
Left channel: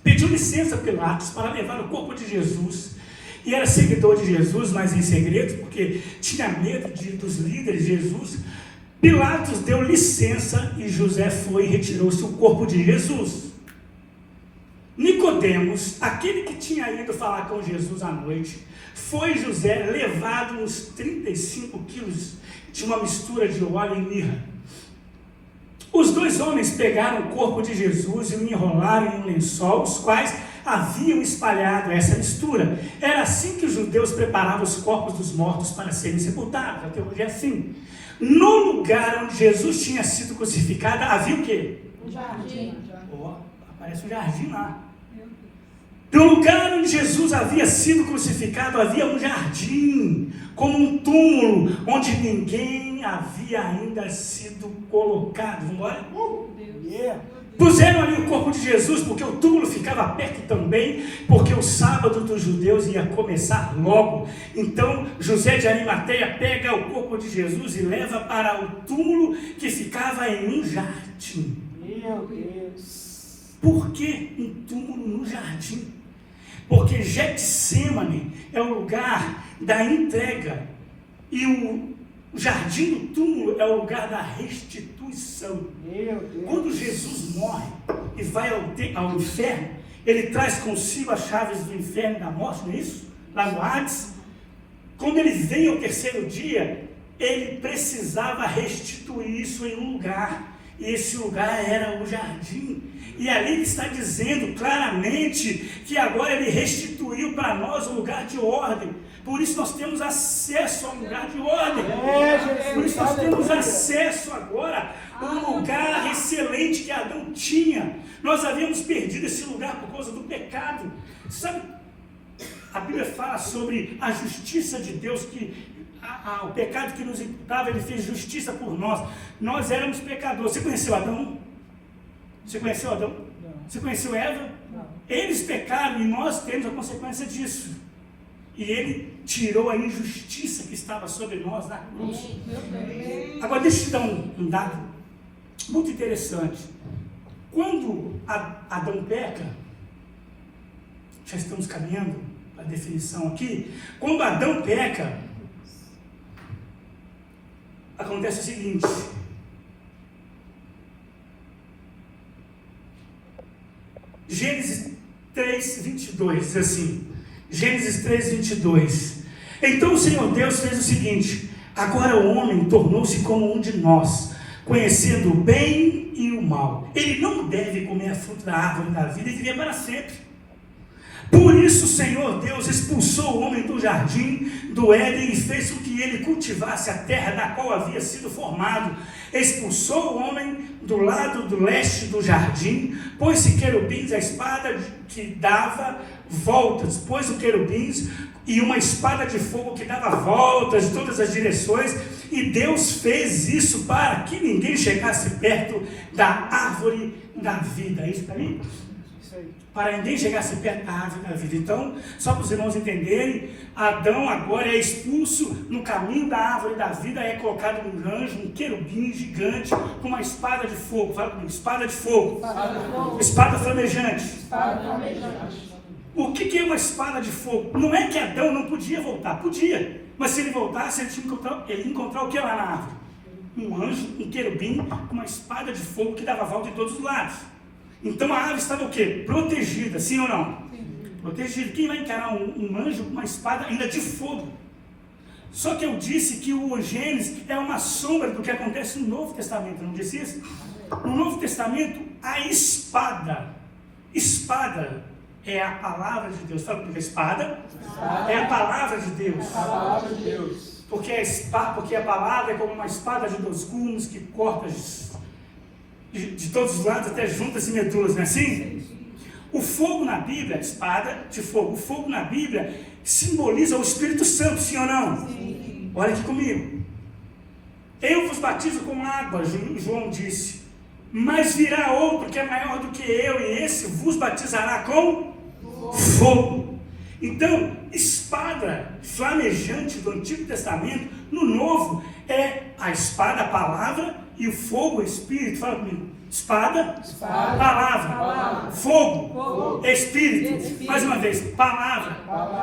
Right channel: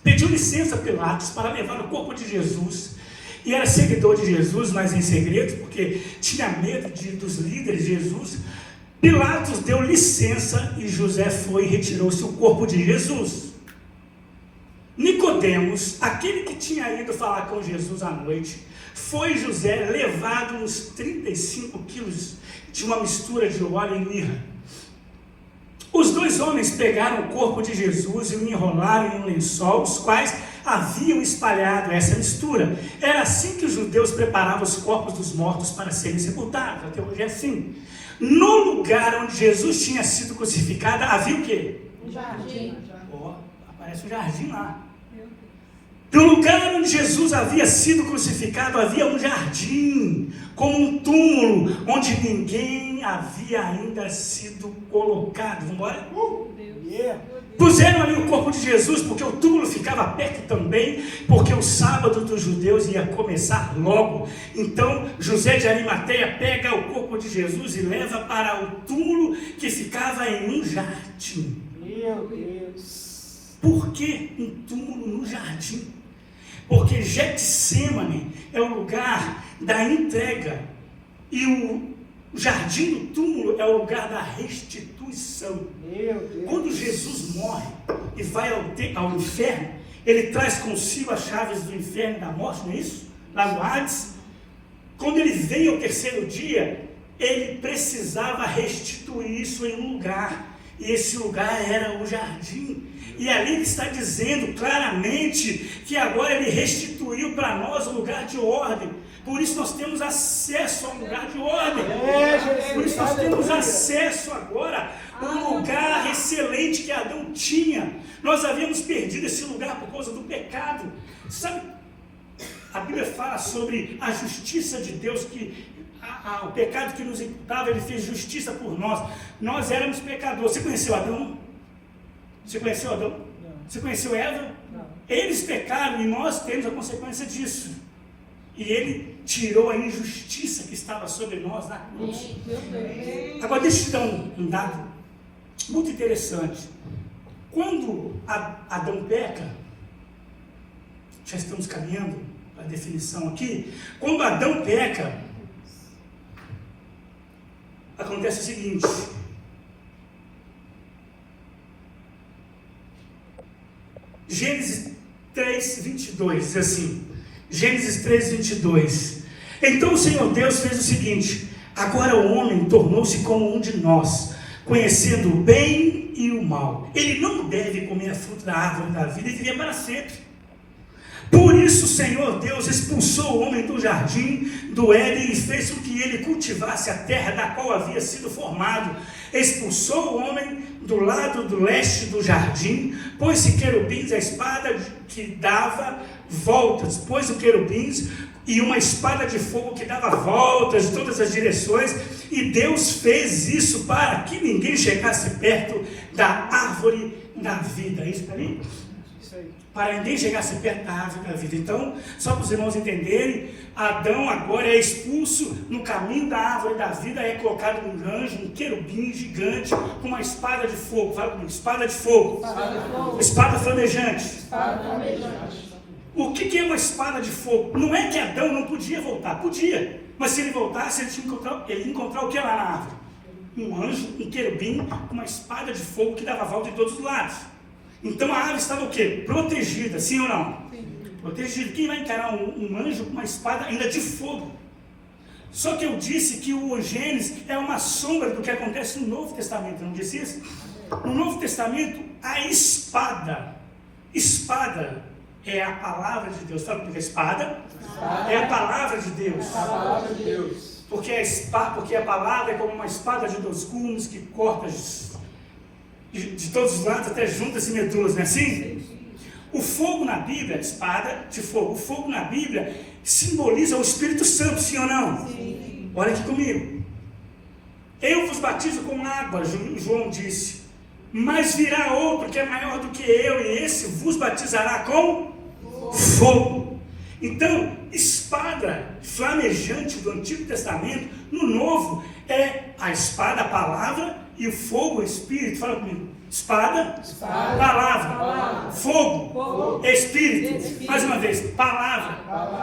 pediu licença a Pilatos para levar o corpo de Jesus. E era seguidor de Jesus, mas em segredo, porque tinha medo dos líderes de Jesus. Pilatos deu licença e José foi e retirou-se o corpo de Jesus. Nicodemos, aquele que tinha ido falar com Jesus à noite, foi José levado uns 35 quilos de uma mistura de óleo e mirra. Os 2 homens pegaram o corpo de Jesus e o enrolaram em um lençol, os quais haviam espalhado essa mistura. Era assim que os judeus preparavam os corpos dos mortos para serem sepultados. Até hoje é assim. No lugar onde Jesus tinha sido crucificado, havia o quê? Um jardim. Aparece um jardim lá. No lugar onde Jesus havia sido crucificado, havia um jardim, como um túmulo, onde ninguém havia ainda sido colocado. Vamos embora? Puseram ali o corpo de Jesus, porque o túmulo ficava perto também, porque o sábado dos judeus ia começar logo. Então José de Arimateia pega o corpo de Jesus e leva para o túmulo que ficava em um jardim. Meu Deus. Por que um túmulo no jardim? Porque Getsêmani é o lugar da entrega e o jardim do túmulo é o lugar da restituição. Meu Deus. Quando Jesus morre e vai ao inferno, ele traz consigo as chaves do inferno e da morte, não é isso? Lá no Hades. Quando ele veio ao terceiro dia, ele precisava restituir isso em um lugar. E esse lugar era o jardim. E ali ele está dizendo claramente que agora ele restituiu para nós o lugar de ordem. Por isso nós temos acesso ao lugar de ordem. Por isso nós temos acesso agora ao lugar excelente que Adão tinha. Nós havíamos perdido esse lugar por causa do pecado. Sabe, a Bíblia fala sobre a justiça de Deus, que o pecado que nos imputava, ele fez justiça por nós. Nós éramos pecadores. Você conheceu Adão? Você conheceu Adão? Não. Você conheceu Eva? Não. Eles pecaram e nós temos a consequência disso. E ele tirou a injustiça que estava sobre nós na cruz. Agora deixa eu te dar um dado muito interessante. Quando Adão peca, já estamos caminhando para a definição aqui. Quando Adão peca, acontece o seguinte: Gênesis 3, 22, diz assim, Gênesis 3, 22. Então o Senhor Deus fez o seguinte: agora o homem tornou-se como um de nós, conhecendo o bem e o mal. Ele não deve comer a fruta da árvore da vida e viver para sempre. Por isso o Senhor Deus expulsou o homem do jardim do Éden e fez com que ele cultivasse a terra da qual havia sido formado. Expulsou o homem do lado do leste do jardim, pôs-se querubins, a espada que dava voltas, pôs o querubins e uma espada de fogo que dava voltas em todas as direções, e Deus fez isso para que ninguém chegasse perto da árvore da vida. É isso para mim? Para ninguém chegasse perto da árvore da vida. Então, só para os irmãos entenderem, Adão agora é expulso no caminho da árvore da vida, é colocado um anjo, um querubim gigante, com uma espada de fogo. Fala comigo, espada de fogo. Espada flamejante. O que é uma espada de fogo? Não é que Adão não podia voltar, podia, mas se ele voltasse, ele ia encontrar o que lá na árvore? Um anjo, um querubim, com uma espada de fogo que dava volta em todos os lados. Então a árvore estava o quê? Protegida, sim ou não? Sim. Protegida. Quem vai encarar um anjo com uma espada ainda de fogo? Só que eu disse que o Gênesis é uma sombra do que acontece no Novo Testamento, não disse isso? No Novo Testamento, a espada é a palavra de Deus. Fala comigo, espada é a palavra de Deus. Palavra de Deus. Porque a palavra é como uma espada de dois gumes que corta de todos os lados, até juntas e medulas, não é assim? O fogo na Bíblia, espada de fogo, o fogo na Bíblia simboliza o Espírito Santo, sim ou não? Sim. Olha aqui comigo. Eu vos batizo com água, João disse, mas virá outro que é maior do que eu, e esse vos batizará com fogo. Então, espada flamejante do Antigo Testamento, no Novo, é a espada, a palavra, e o fogo, o Espírito. Fala comigo. Espada. Palavra. Fogo. Espírito. Mais uma vez. Palavra.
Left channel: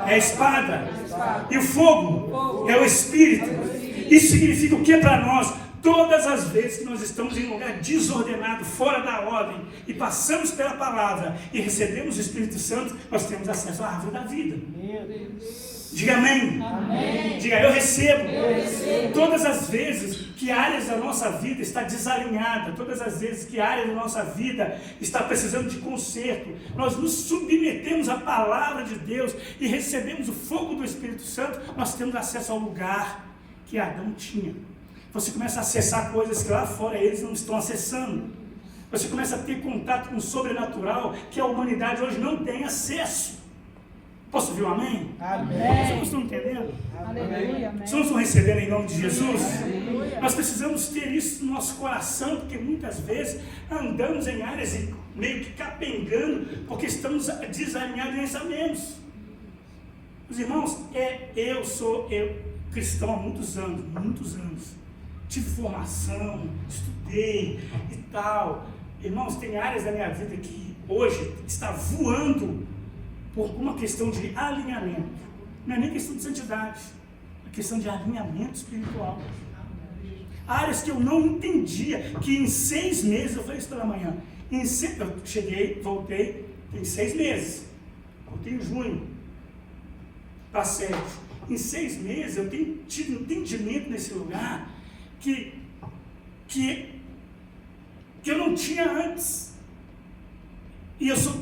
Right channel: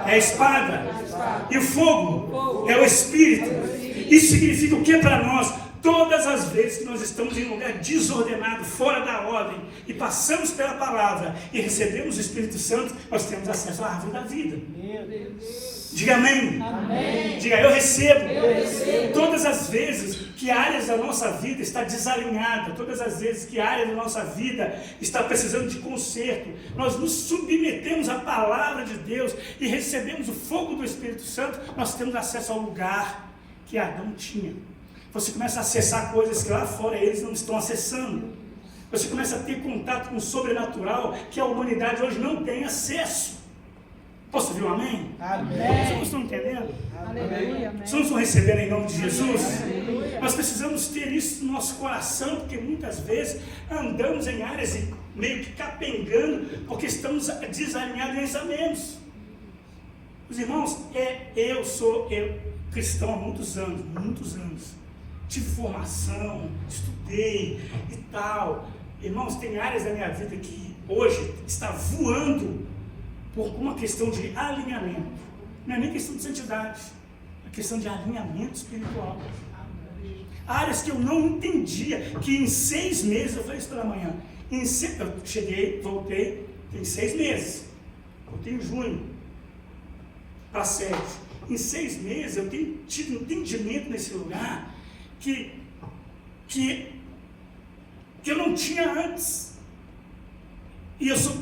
É a espada. E o fogo é o Espírito. Isso significa o que para nós? Todas as vezes que nós estamos em um lugar desordenado, fora da ordem, e passamos pela palavra e recebemos o Espírito Santo, nós temos acesso à árvore da vida. Meu Deus. Diga amém. Amém. Diga eu recebo. Eu recebo. Todas as vezes que áreas da nossa vida está desalinhada, todas as vezes que a área da nossa vida está precisando de conserto, nós nos submetemos à palavra de Deus e recebemos o fogo do Espírito Santo, nós temos acesso ao lugar que Adão tinha. Você começa a acessar coisas que lá fora eles não estão acessando. Você começa a ter contato com o sobrenatural que a humanidade hoje não tem acesso. Posso ouvir um amém? Amém. Vocês não estão entendendo? Aleluia. Vocês não estão recebendo em nome de Jesus? Nós precisamos ter isso no nosso coração, porque muitas vezes andamos em áreas meio que capengando, porque estamos desalinhados em pensamentos. Os irmãos, eu sou cristão há muitos anos. Tive formação, estudei e tal. Irmãos, tem áreas da minha vida que hoje está voando por uma questão de alinhamento. Não é nem questão de santidade, é questão de alinhamento espiritual. Áreas que eu não entendia, que em 6 meses, eu falei isso pela manhã, eu cheguei, voltei, tem 6 meses, voltei em junho, para 7. Em 6 meses eu tenho tido entendimento nesse lugar que eu não tinha antes. E eu sou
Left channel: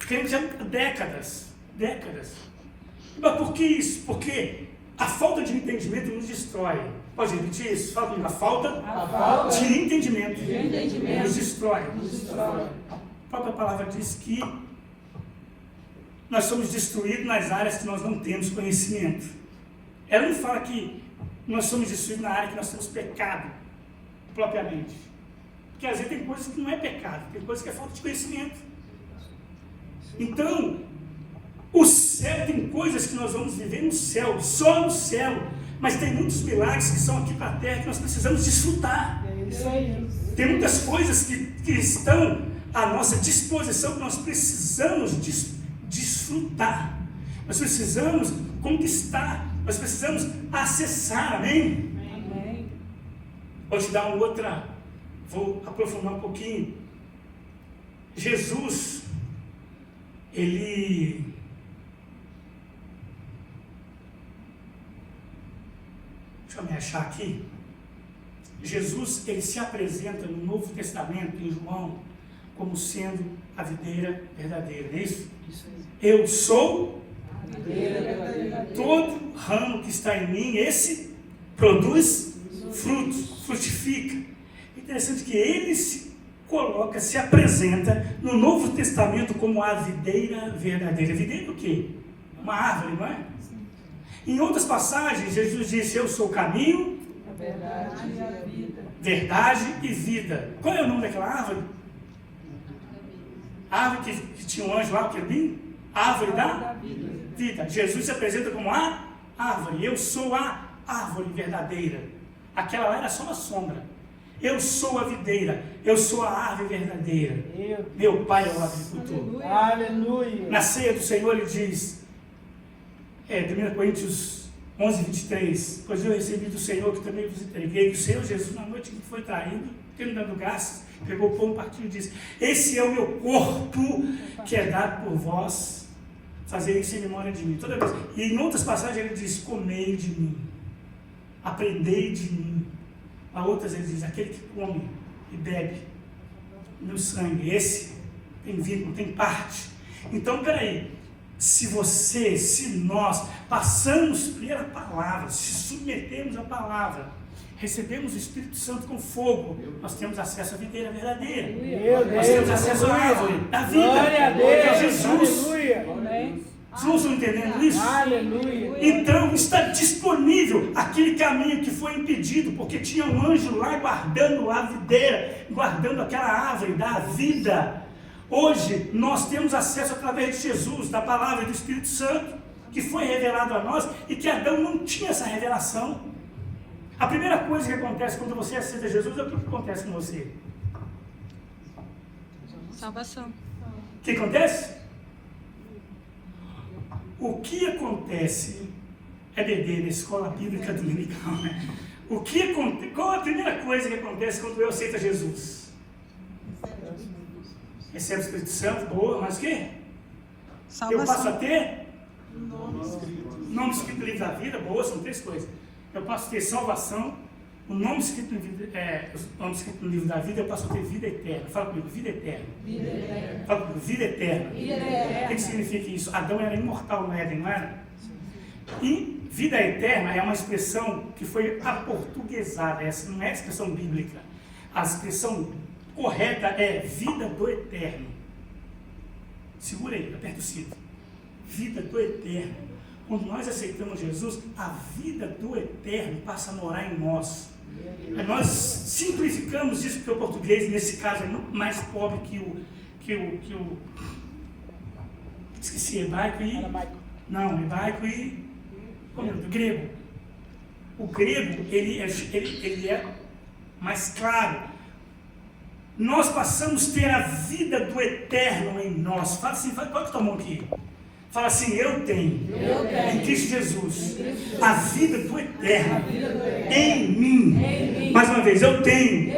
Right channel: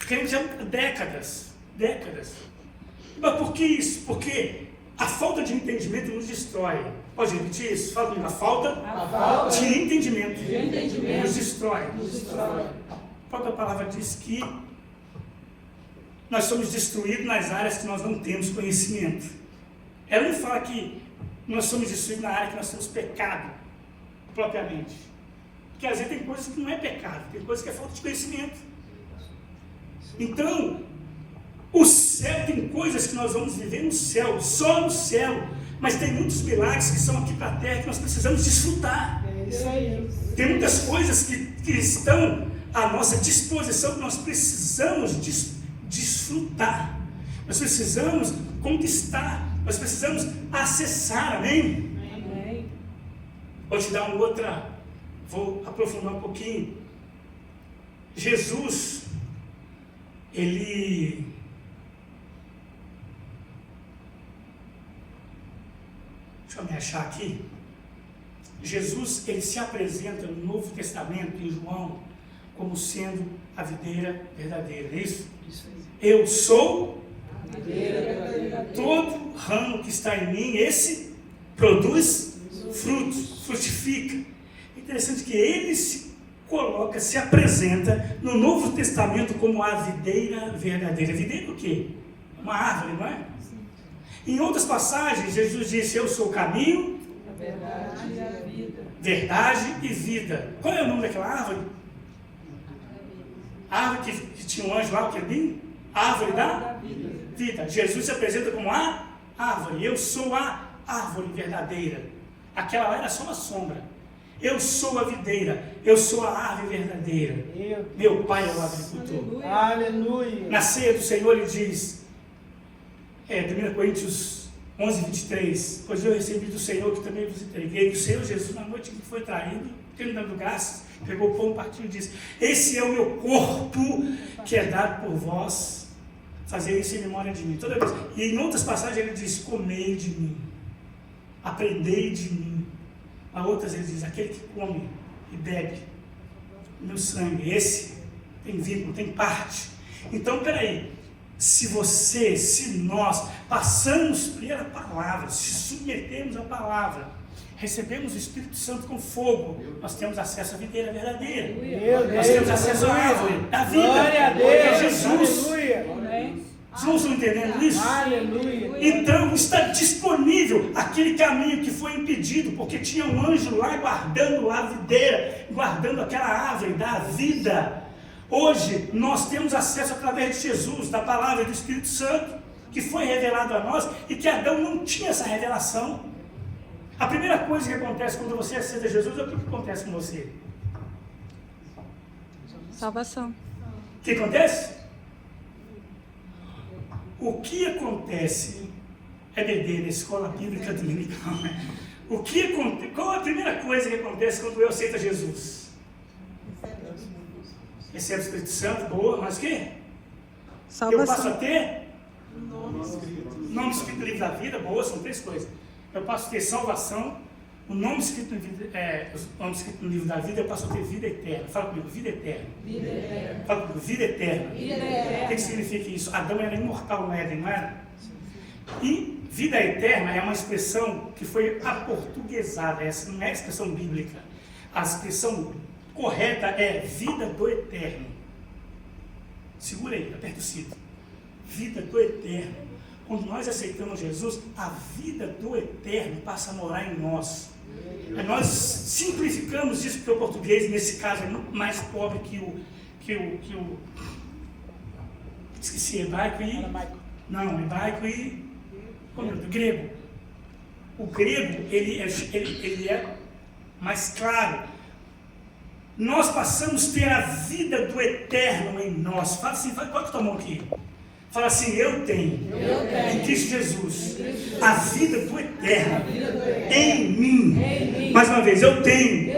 crente há décadas. Mas por que isso? Porque a falta de entendimento nos destrói. Pode repetir isso? Fala comigo. A falta de entendimento nos destrói. A própria palavra diz que nós somos destruídos nas áreas que nós não temos conhecimento. Ela não fala que nós somos destruídos na área que nós temos pecado, propriamente. Porque às vezes tem coisas que não é pecado, tem coisas que é falta de conhecimento. Então, o céu, tem coisas que nós vamos viver no céu, só no céu, mas tem muitos milagres que são aqui para a terra que nós precisamos desfrutar. É isso aí. Tem muitas coisas que estão à nossa disposição, que nós precisamos desfrutar, nós precisamos conquistar, nós precisamos acessar, amém? Vou te dar vou aprofundar um pouquinho. Jesus, deixa eu me achar aqui. Jesus, ele se apresenta no Novo Testamento, em João, como sendo a videira verdadeira, não é isso? Eu sou todo ramo que está em mim, esse produz frutos, frutifica. É interessante que ele se apresenta no Novo Testamento como a videira verdadeira. Videira o quê? Uma árvore, não é? Em outras passagens, Jesus disse: eu sou o caminho, verdade e vida. Qual é o nome daquela árvore? A árvore que tinha um anjo lá, o querubim? A árvore da vida. Jesus se apresenta como a árvore. Eu sou a árvore verdadeira. Aquela lá era só uma sombra. Eu sou a videira. Eu sou a árvore verdadeira. Meu pai é o agricultor. Aleluia. Na ceia do Senhor ele diz, 1 Coríntios 11, 23, pois eu recebi do Senhor que também vos entreguei, do Senhor Jesus, na noite que foi traído, ele dando graças, pegou o pão, partiu e disse: esse é o meu corpo que é dado por vós, fazer isso em memória de mim. Toda vez. E em outras passagens ele diz: comei de mim, aprendei de mim. A outras ele diz: aquele que come e bebe meu sangue, esse tem vínculo, tem parte. Então, peraí, se nós passamos pela palavra, se submetemos à palavra, recebemos o Espírito Santo com fogo, nós temos acesso à videira verdadeira. Nós temos acesso à árvore da vida, que é Jesus. Vocês não estão entendendo isso? Aleluia. Então está disponível aquele caminho que foi impedido, porque tinha um anjo lá guardando a videira, guardando aquela árvore da vida. Hoje nós temos acesso através de Jesus, da palavra e do Espírito Santo, que foi revelado a nós e que Adão não tinha essa revelação. A primeira coisa que acontece quando você aceita Jesus, é o que acontece com você? Salvação. O que acontece? O que acontece é beber na escola bíblica dominical, né? Qual a primeira coisa que acontece quando eu aceito Jesus? Recebo o Espírito Santo, boa, mas o quê? Salvação. Eu passo a ter nome escrito no livro da vida, boa, são 3 coisas. Eu passo a ter salvação, o nome escrito no livro da vida, eu passo a ter vida eterna. Fala comigo, vida eterna. Vida eterna. Fala comigo, vida eterna. Vida eterna. O que significa isso? Adão era imortal no Éden, não era? E vida eterna é uma expressão que foi aportuguesada, essa não é a expressão bíblica. A expressão correta é vida do eterno. Segura aí, aperta o cinto. vida do eterno. Quando nós aceitamos Jesus, a vida do eterno passa a morar em nós. Nós simplificamos isso porque o português, nesse caso, é muito mais pobre que o esqueci, hebraico e... Não, hebraico e... Como é? Grego. O grego, ele é mais claro. Nós passamos a ter a vida do eterno em nós. Fala assim, qual que tomou aqui? Fala assim, eu tenho em Cristo Jesus a vida do eterno em mim. Mais uma vez, eu tenho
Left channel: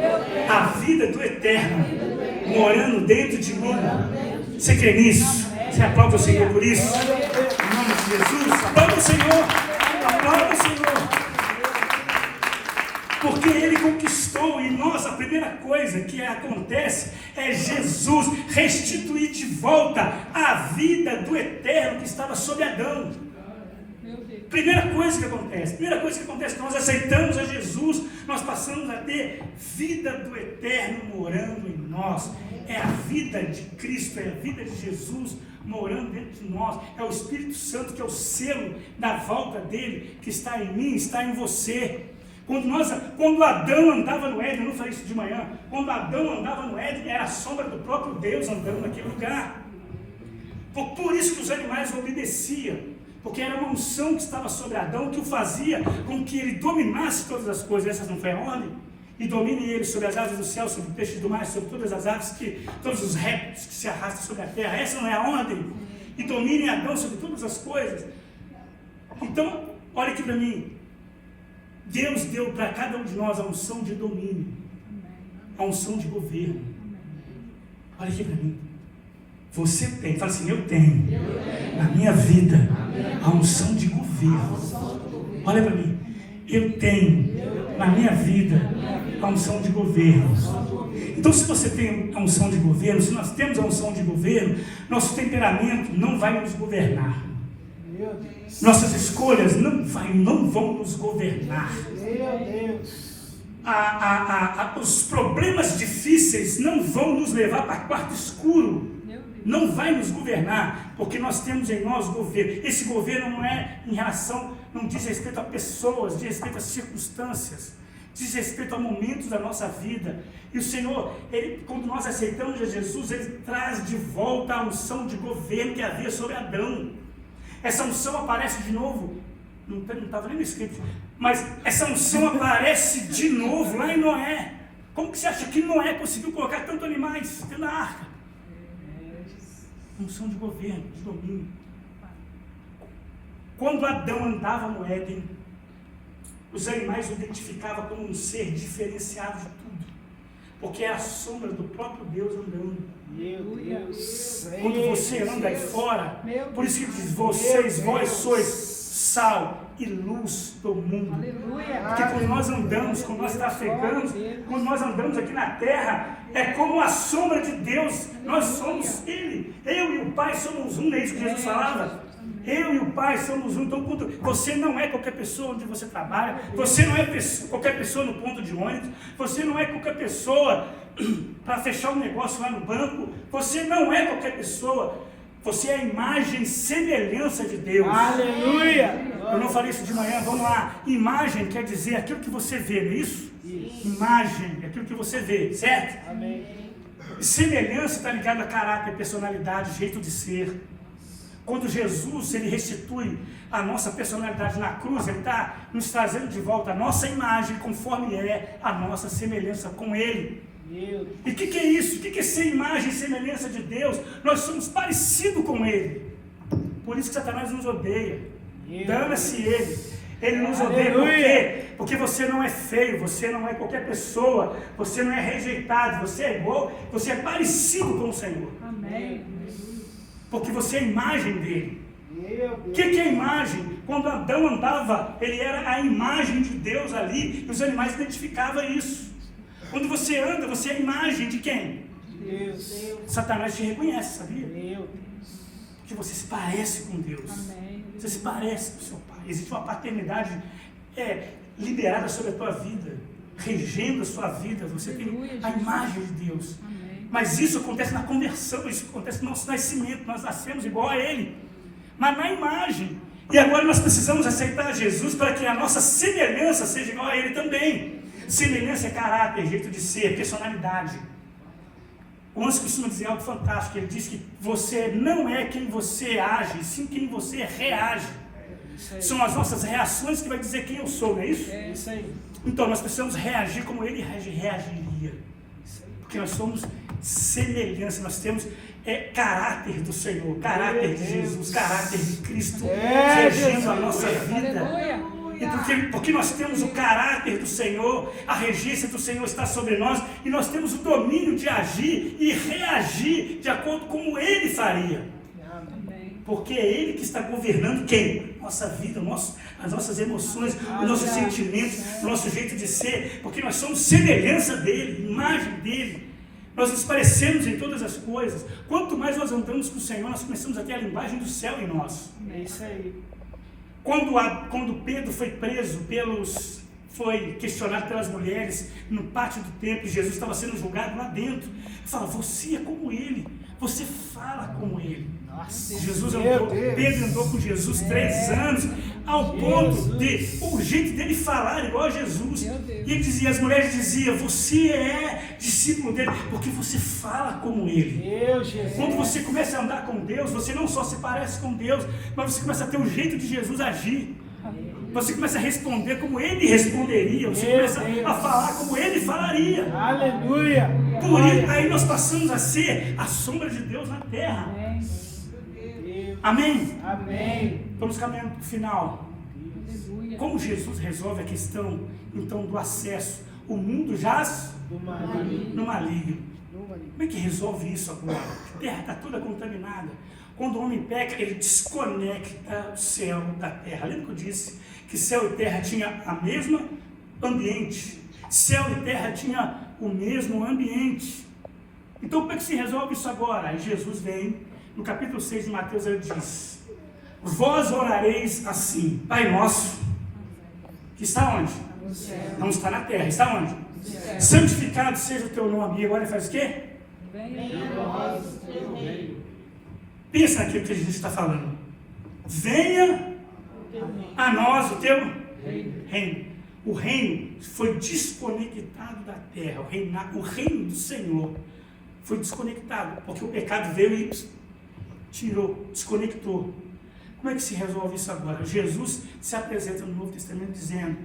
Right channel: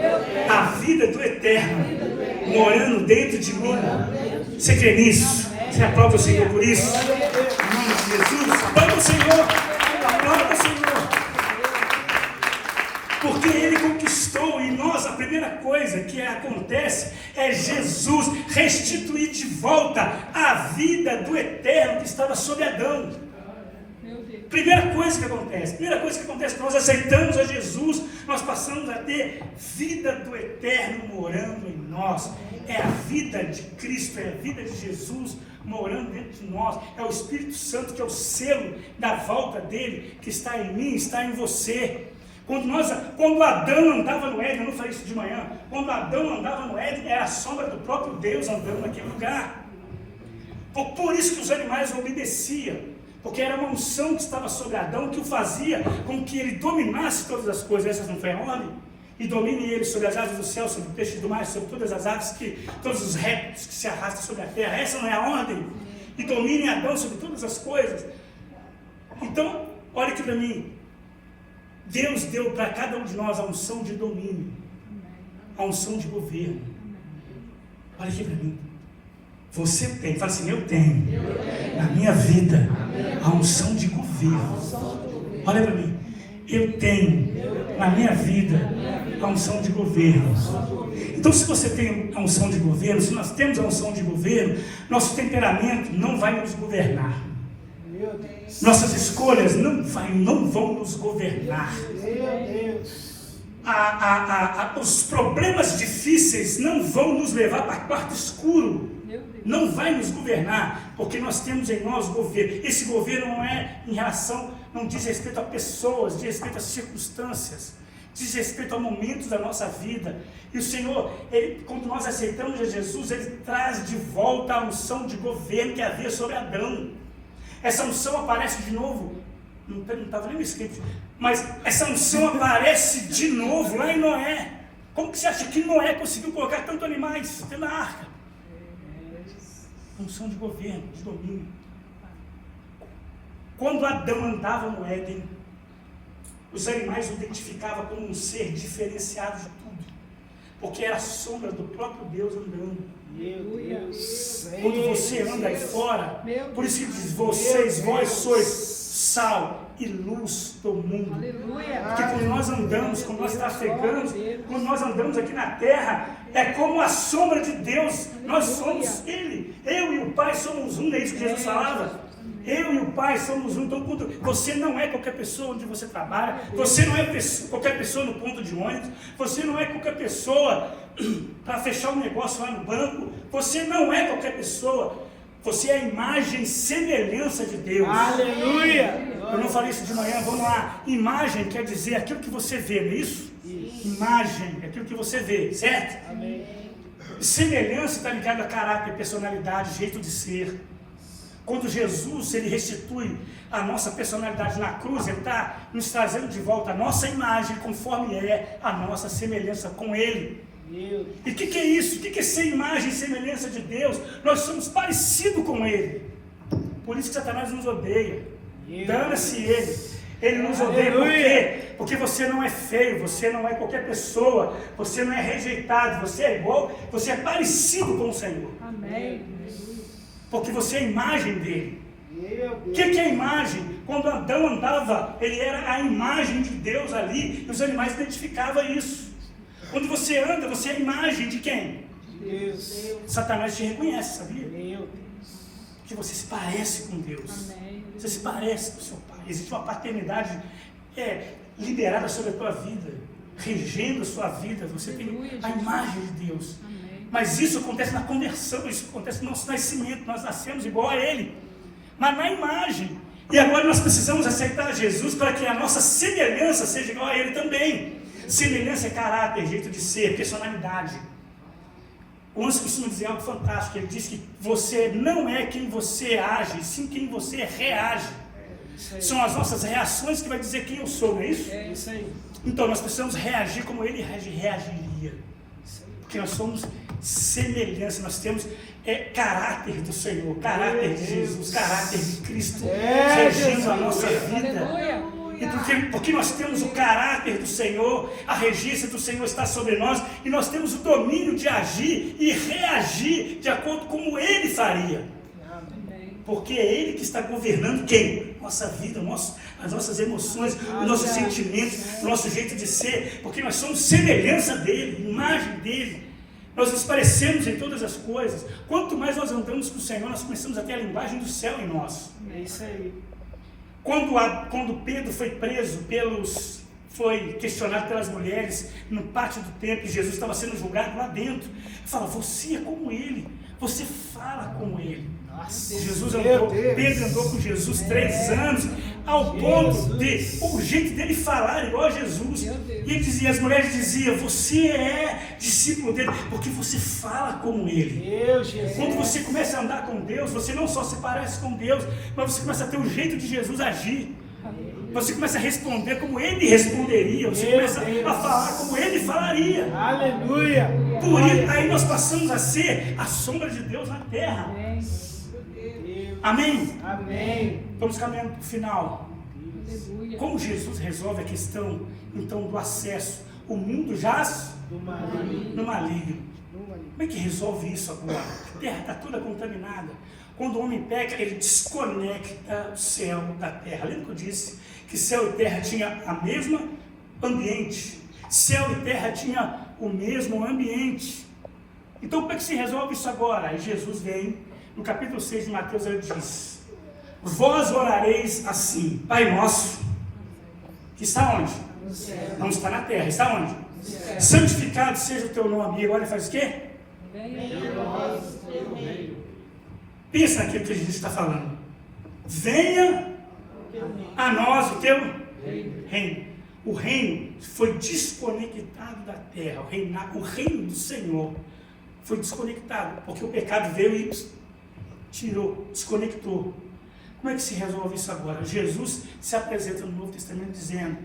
a vida do eterno morando dentro de mim. Você crê nisso? Você aplaude o Senhor por isso? Em nome de Jesus, aplaude o Senhor. Aplaude o Senhor. Porque Ele conquistou em nós. A primeira coisa que acontece é Jesus restituir de volta a vida do eterno que estava sobre Adão. Primeira coisa que acontece quando nós aceitamos a Jesus, nós passamos a ter vida do eterno morando em nós. É a vida de Cristo, é a vida de Jesus morando dentro de nós. É o Espírito Santo que é o selo da volta dele, que está em mim, está em você. Quando Adão andava no Éden, eu não falei isso de manhã, quando Adão andava no Éden, era a sombra do próprio Deus andando naquele lugar. Por isso que os animais obedeciam, porque era uma unção que estava sobre Adão, que o fazia com que ele dominasse todas as coisas. Essas não foi a ordem? E domine ele sobre as aves do céu, sobre o peixe do mar, sobre todas as aves, todos os répteis que se arrastam sobre a terra. Essa não é a ordem? E domine Adão sobre todas as coisas. Então, olha aqui para mim. Deus deu para cada um de nós a unção de domínio, a unção de governo. Olha aqui para mim. Você tem, fala assim, eu tenho na minha vida a unção de governo. Olha para mim. Eu tenho na minha vida a unção de governo. Então, se você tem a unção de governo, se nós temos a unção de governo, nosso temperamento não vai nos governar. Nossas escolhas não vão nos governar. Os problemas difíceis não vão nos levar para quarto escuro. Não vai nos governar, porque nós temos em nós governo. Esse governo não é em relação, não diz respeito a pessoas, diz respeito a circunstâncias, diz respeito a momentos da nossa vida. E o Senhor, quando nós aceitamos a Jesus, Ele traz de volta a unção de governo que havia sobre Adão. Essa unção aparece de novo, não estava nem no escrito, mas essa unção aparece de novo lá em Noé. Como que você acha que Noé conseguiu colocar tantos animais dentro da arca? Unção de governo, de domínio. Quando Adão andava no Éden, os animais o identificavam como um ser diferenciado de tudo, porque era a sombra do próprio Deus andando. Quando você anda aí fora, por isso que diz, vós sois sal e luz do mundo. Porque quando nós andamos, quando nós trafegamos, quando nós andamos aqui na terra, é como a sombra de Deus. Nós somos Ele. Eu e o Pai somos um, é isso que Jesus falava. Eu e o Pai somos um. Então, você não é qualquer pessoa onde você trabalha, você não é qualquer pessoa no ponto de ônibus, você não é qualquer pessoa para fechar um negócio lá no banco, você não é qualquer pessoa, você é a imagem e semelhança de Deus. Aleluia! Eu não falei isso de manhã, vamos lá. Imagem quer dizer aquilo que você vê, não é isso? Imagem é aquilo que você vê, certo? Amém. Semelhança está ligada a caráter, personalidade, jeito de ser. Quando Jesus ele restitui a nossa personalidade na cruz, Ele está nos trazendo de volta a nossa imagem, conforme é a nossa semelhança com Ele. E o que é isso? O que é ser imagem e semelhança de Deus? Nós somos parecidos com Ele. Por isso que Satanás nos odeia. Dana-se Ele. Ele nos odeia por quê? Porque você não é feio, você não é qualquer pessoa, você não é rejeitado, você é igual, você é parecido com o Senhor. Amém. Porque você é a imagem dele. O que é a imagem? Quando Adão andava, ele era a imagem de Deus ali, e os animais identificavam isso. Quando você anda, você é a imagem de quem? Deus. Satanás te reconhece, sabia? Que você se parece com Deus. Você se parece com o seu Pai. Existe uma paternidade liberada sobre a tua vida, regendo a sua vida. Você tem a imagem de Deus. Mas isso acontece na conversão, isso acontece no nosso nascimento. Nós nascemos igual a Ele. mas na imagem. E agora nós precisamos aceitar Jesus para que a nossa semelhança seja igual a Ele também. Semelhança é caráter, jeito de ser, personalidade. O Anselmo costuma dizer algo fantástico. Ele diz que você não é quem você age, sim quem você reage. São as nossas reações que vai dizer quem eu sou, não é isso? É isso aí. Então nós precisamos reagir como Ele reagiria. Porque nós somos semelhança, nós temos caráter do Senhor, caráter de Jesus, caráter de Cristo, regindo a nossa vida. E porque nós temos o caráter do Senhor, a regência do Senhor está sobre nós, e nós temos o domínio de agir e reagir de acordo com como Ele faria. Porque é Ele que está governando quem? Nossa vida, as nossas emoções, os nossos sentimentos, o nosso jeito de ser, porque nós somos semelhança dEle, imagem dEle. Nós nos parecemos em todas as coisas. Quanto mais nós andamos com o Senhor, nós começamos a ter a linguagem do céu em nós. É isso aí. Quando Pedro foi preso foi questionado pelas mulheres no pátio do templo, e Jesus estava sendo julgado lá dentro. Ele fala, você é como ele, você fala como ele. Pedro andou com Jesus 3 anos, ao ponto de o jeito dele falar igual a Jesus. E ele dizia, as mulheres diziam, você é discípulo dele, porque você fala como ele. Quando você começa a andar com Deus, você não só se parece com Deus, mas você começa a ter o jeito de Jesus agir. Você começa a responder como ele responderia, você começa a falar como ele falaria. Aleluia! Por isso, aí nós passamos a ser a sombra de Deus na terra. Amém? Amém. Estamos caminhando para o final. Como Jesus resolve a questão, então, do acesso? O mundo jaz no maligno. Como é que resolve isso agora? A terra está toda contaminada. Quando o homem peca, ele desconecta o céu da terra. Lembra que eu disse que céu e terra tinham o mesmo ambiente? Céu e terra tinham o mesmo ambiente. Então, como é que se resolve isso agora? Aí Jesus vem. No capítulo 6 de Mateus ele diz, vós orareis assim, Pai nosso, que está onde? Não está na terra, está onde? Santificado seja o teu nome. E agora ele faz o quê? Pensa naquilo que a gente está falando. Venha a nós o teu reino. O reino foi desconectado da terra. O reino do Senhor foi desconectado, porque o pecado veio e tirou, desconectou. Como é que se resolve isso agora? Jesus se apresenta no Novo Testamento dizendo,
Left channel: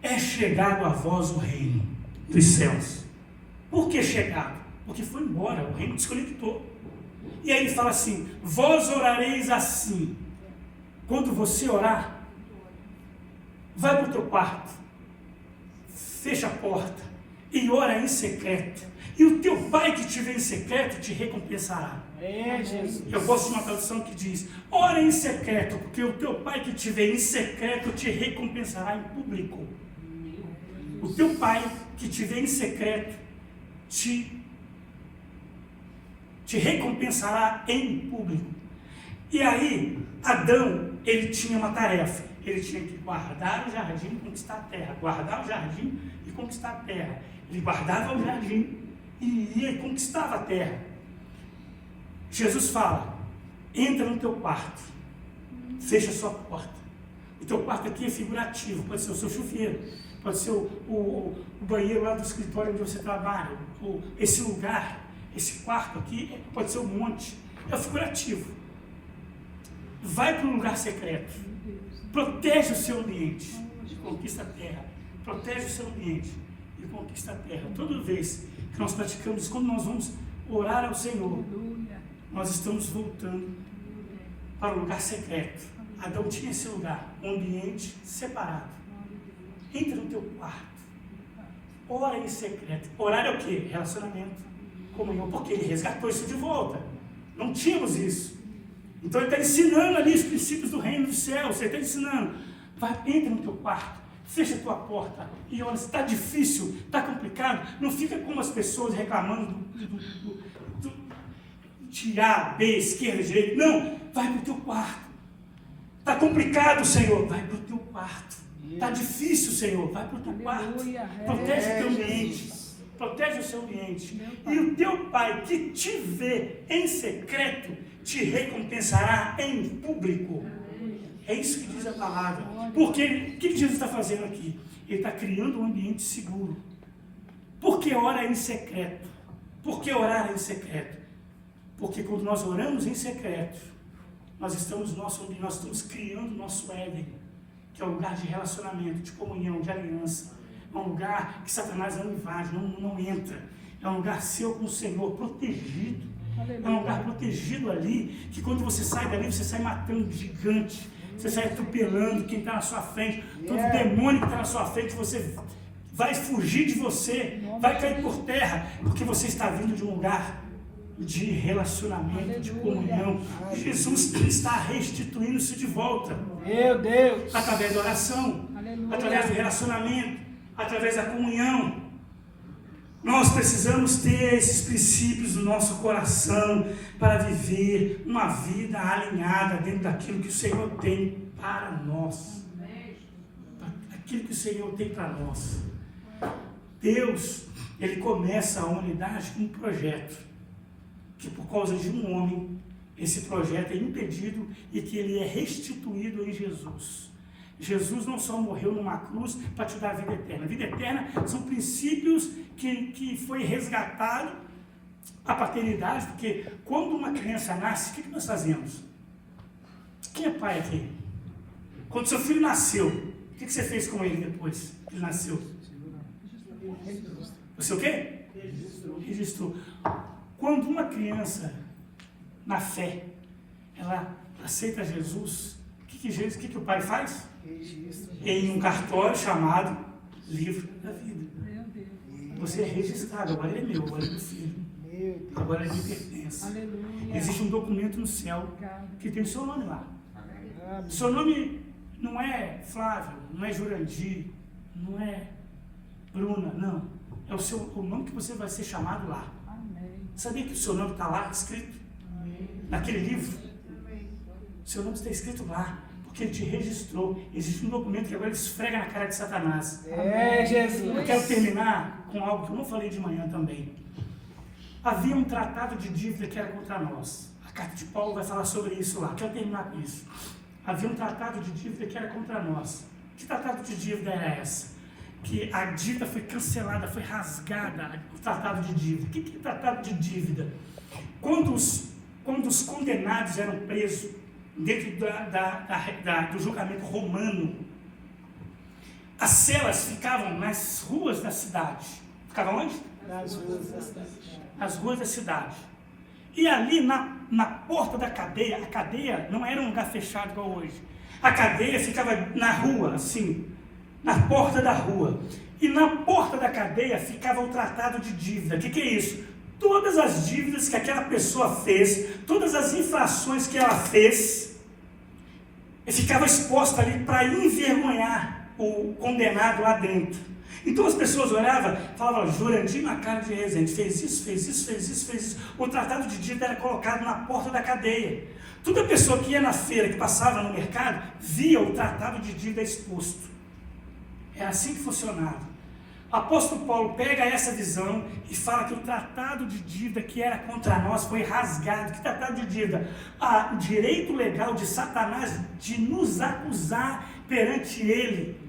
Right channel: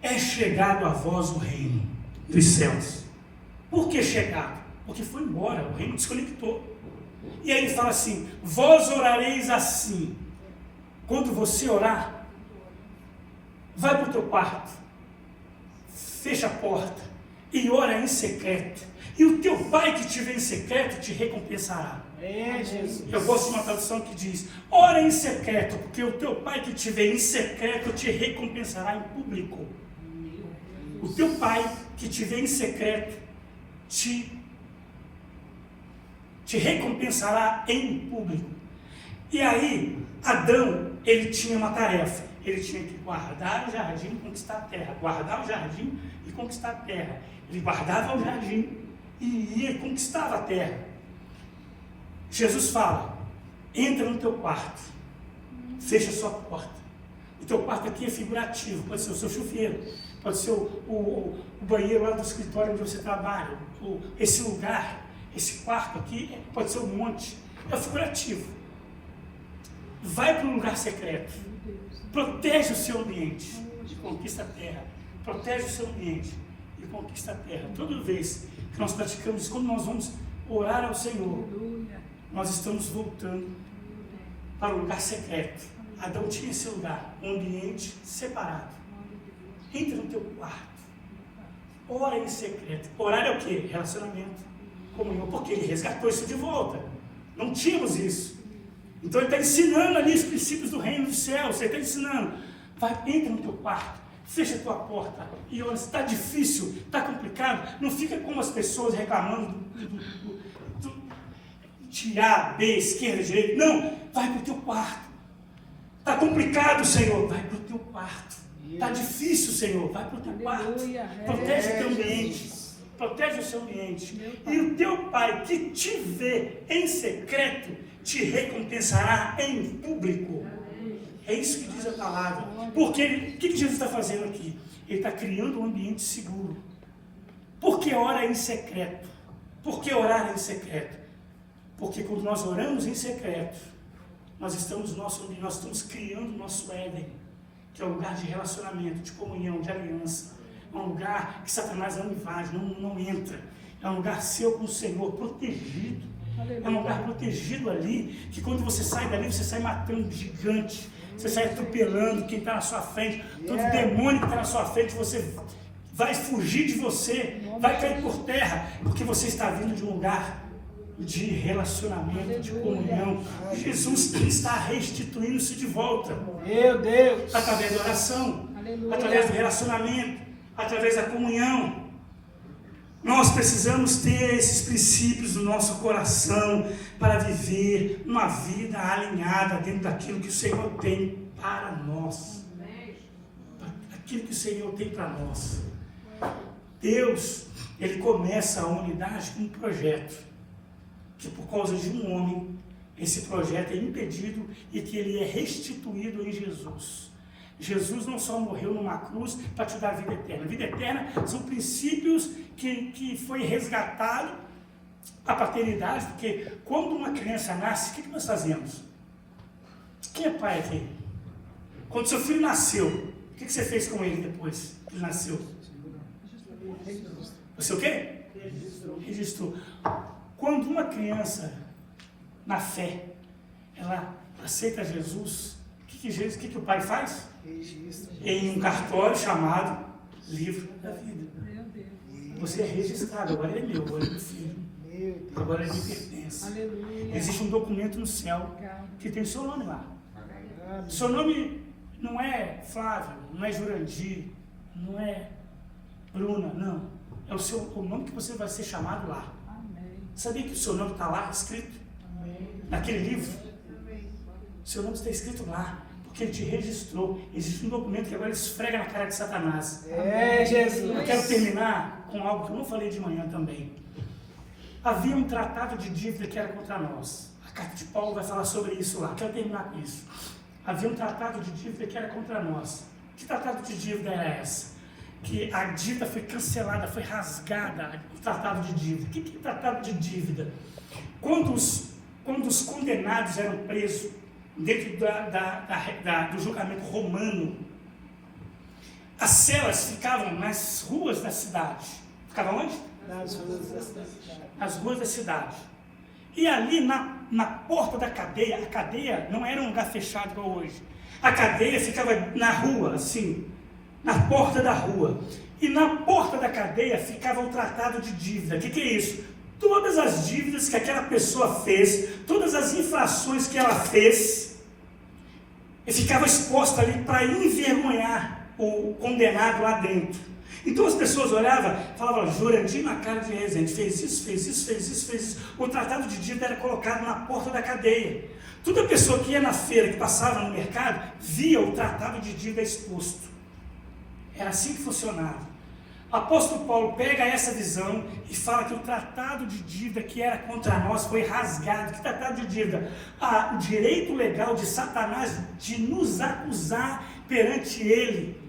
é chegado a vós o reino dos céus. Por que chegado? Porque foi embora, o reino desconectou. E aí ele fala assim, vós orareis assim. Quando você orar, vai para o teu quarto, fecha a porta e ora em secreto. E o teu pai que te vê em secreto te recompensará. Eu gosto de uma tradução que diz, ora em secreto, porque o teu pai que te vê em secreto te recompensará em público. O teu pai que te vê em secreto te recompensará em público. E aí, Adão, ele tinha uma tarefa. Ele tinha que guardar o jardim e conquistar a terra. Guardar o jardim e conquistar a terra. Ele guardava o jardim e ia e conquistava a terra. Jesus fala, entra no teu quarto, fecha a sua porta. O teu quarto aqui é figurativo, pode ser o seu chuveiro, pode ser o banheiro lá do escritório onde você trabalha, esse lugar, esse quarto aqui, pode ser um monte, é figurativo. Vai para um lugar secreto, protege o seu ambiente e conquista a terra, protege o seu ambiente e conquista a terra. Toda vez que nós praticamos isso, quando nós vamos orar ao Senhor, nós estamos voltando para o lugar secreto. Adão tinha esse lugar, um ambiente separado. Entra no teu quarto, ora em secreto. Orar é o quê? Relacionamento, comunhão, porque ele resgatou isso de volta. Não tínhamos isso. Então ele está ensinando ali os princípios do reino dos céus. Você está ensinando. Entra no teu quarto, fecha a tua porta e olha, se está difícil, está complicado, não fica como as pessoas reclamando tirar B, esquerda, direita. Não, vai para o teu quarto. Está complicado, Senhor, vai para o teu quarto. Está difícil, Senhor, vai para o teu quarto. Protege o teu ambiente. protege o seu ambiente. E o teu Pai que te vê em secreto, te recompensará em público. É isso que diz a palavra. Porque o que Jesus está fazendo aqui? Ele está criando um ambiente seguro. Por que ora em secreto? Por que orar em secreto? Porque quando nós oramos em secreto, nós estamos criando o nosso Éden, que é um lugar de relacionamento, de comunhão, de aliança. É um lugar que Satanás não invade, não entra. É um lugar seu com o Senhor, protegido. É um lugar protegido ali, que quando você sai dali, você sai matando gigante. Você sai atropelando quem está na sua frente. Todo demônio que está na sua frente, você vai fugir de você, vai cair por terra, porque você está vindo de um lugar de relacionamento, de comunhão. Jesus está restituindo isso de volta. Meu Deus! Através da oração, através do relacionamento, através da comunhão. Nós precisamos ter esses princípios no nosso coração para viver uma vida alinhada dentro daquilo que o Senhor tem para nós. Aquilo que o Senhor tem para nós. Deus, Ele começa a humanidade com um projeto, que por causa de um homem, esse projeto é impedido e que ele é restituído em Jesus. Jesus não só morreu numa cruz para te dar a vida eterna. A vida eterna são princípios que foi resgatado a paternidade, porque quando uma criança nasce, o que nós fazemos? Quem é pai aqui? Quando seu filho nasceu, o que você fez com ele depois que ele nasceu? Você o quê? Registrou. Quando uma criança, na fé, ela aceita Jesus, o que o pai faz? Em um cartório chamado Livro da Vida. Você é registrado, agora é meu, agora é do filho. Agora ele pertence. Existe um documento no céu que tem o seu nome lá. Seu nome não é Flávio, não é Jurandir, não é Bruna, não. É o nome que você vai ser chamado lá. Sabia que o seu nome está lá escrito? Naquele livro? Seu nome está escrito lá, porque ele te registrou. Existe um documento que agora ele esfrega na cara de Satanás. É, Jesus. Eu quero terminar com algo que eu não falei de manhã também. Havia um tratado de dívida que era contra nós. A carta de Paulo vai falar sobre isso lá. Eu quero terminar com isso. Havia um tratado de dívida que era contra nós. Que tratado de dívida era essa? Que a dívida foi cancelada, foi rasgada, o tratado de dívida. O que é tratado de dívida? Quando os condenados eram presos dentro do julgamento romano, as celas ficavam nas ruas da cidade. Ficavam onde? Nas ruas da cidade. As ruas da cidade. E ali na porta da cadeia, a cadeia não era um lugar fechado igual hoje. A cadeia ficava na rua, assim, na porta da rua. E na porta da cadeia ficava o tratado de dívida. O que é isso? Todas as dívidas que aquela pessoa fez, todas as infrações que ela fez, ficava exposta ali para envergonhar o condenado lá dentro. Então as pessoas olhavam e falavam, Jurandir na cara de Rezende, fez isso, fez isso, fez isso, fez isso. O tratado de dívida era colocado na porta da cadeia. Toda pessoa que ia na feira, que passava no mercado, via o tratado de dívida exposto. Era assim que funcionava. O apóstolo Paulo pega essa visão e fala que o tratado de dívida que era contra nós foi rasgado. Que tratado de dívida? O direito legal de Satanás de nos acusar perante ele.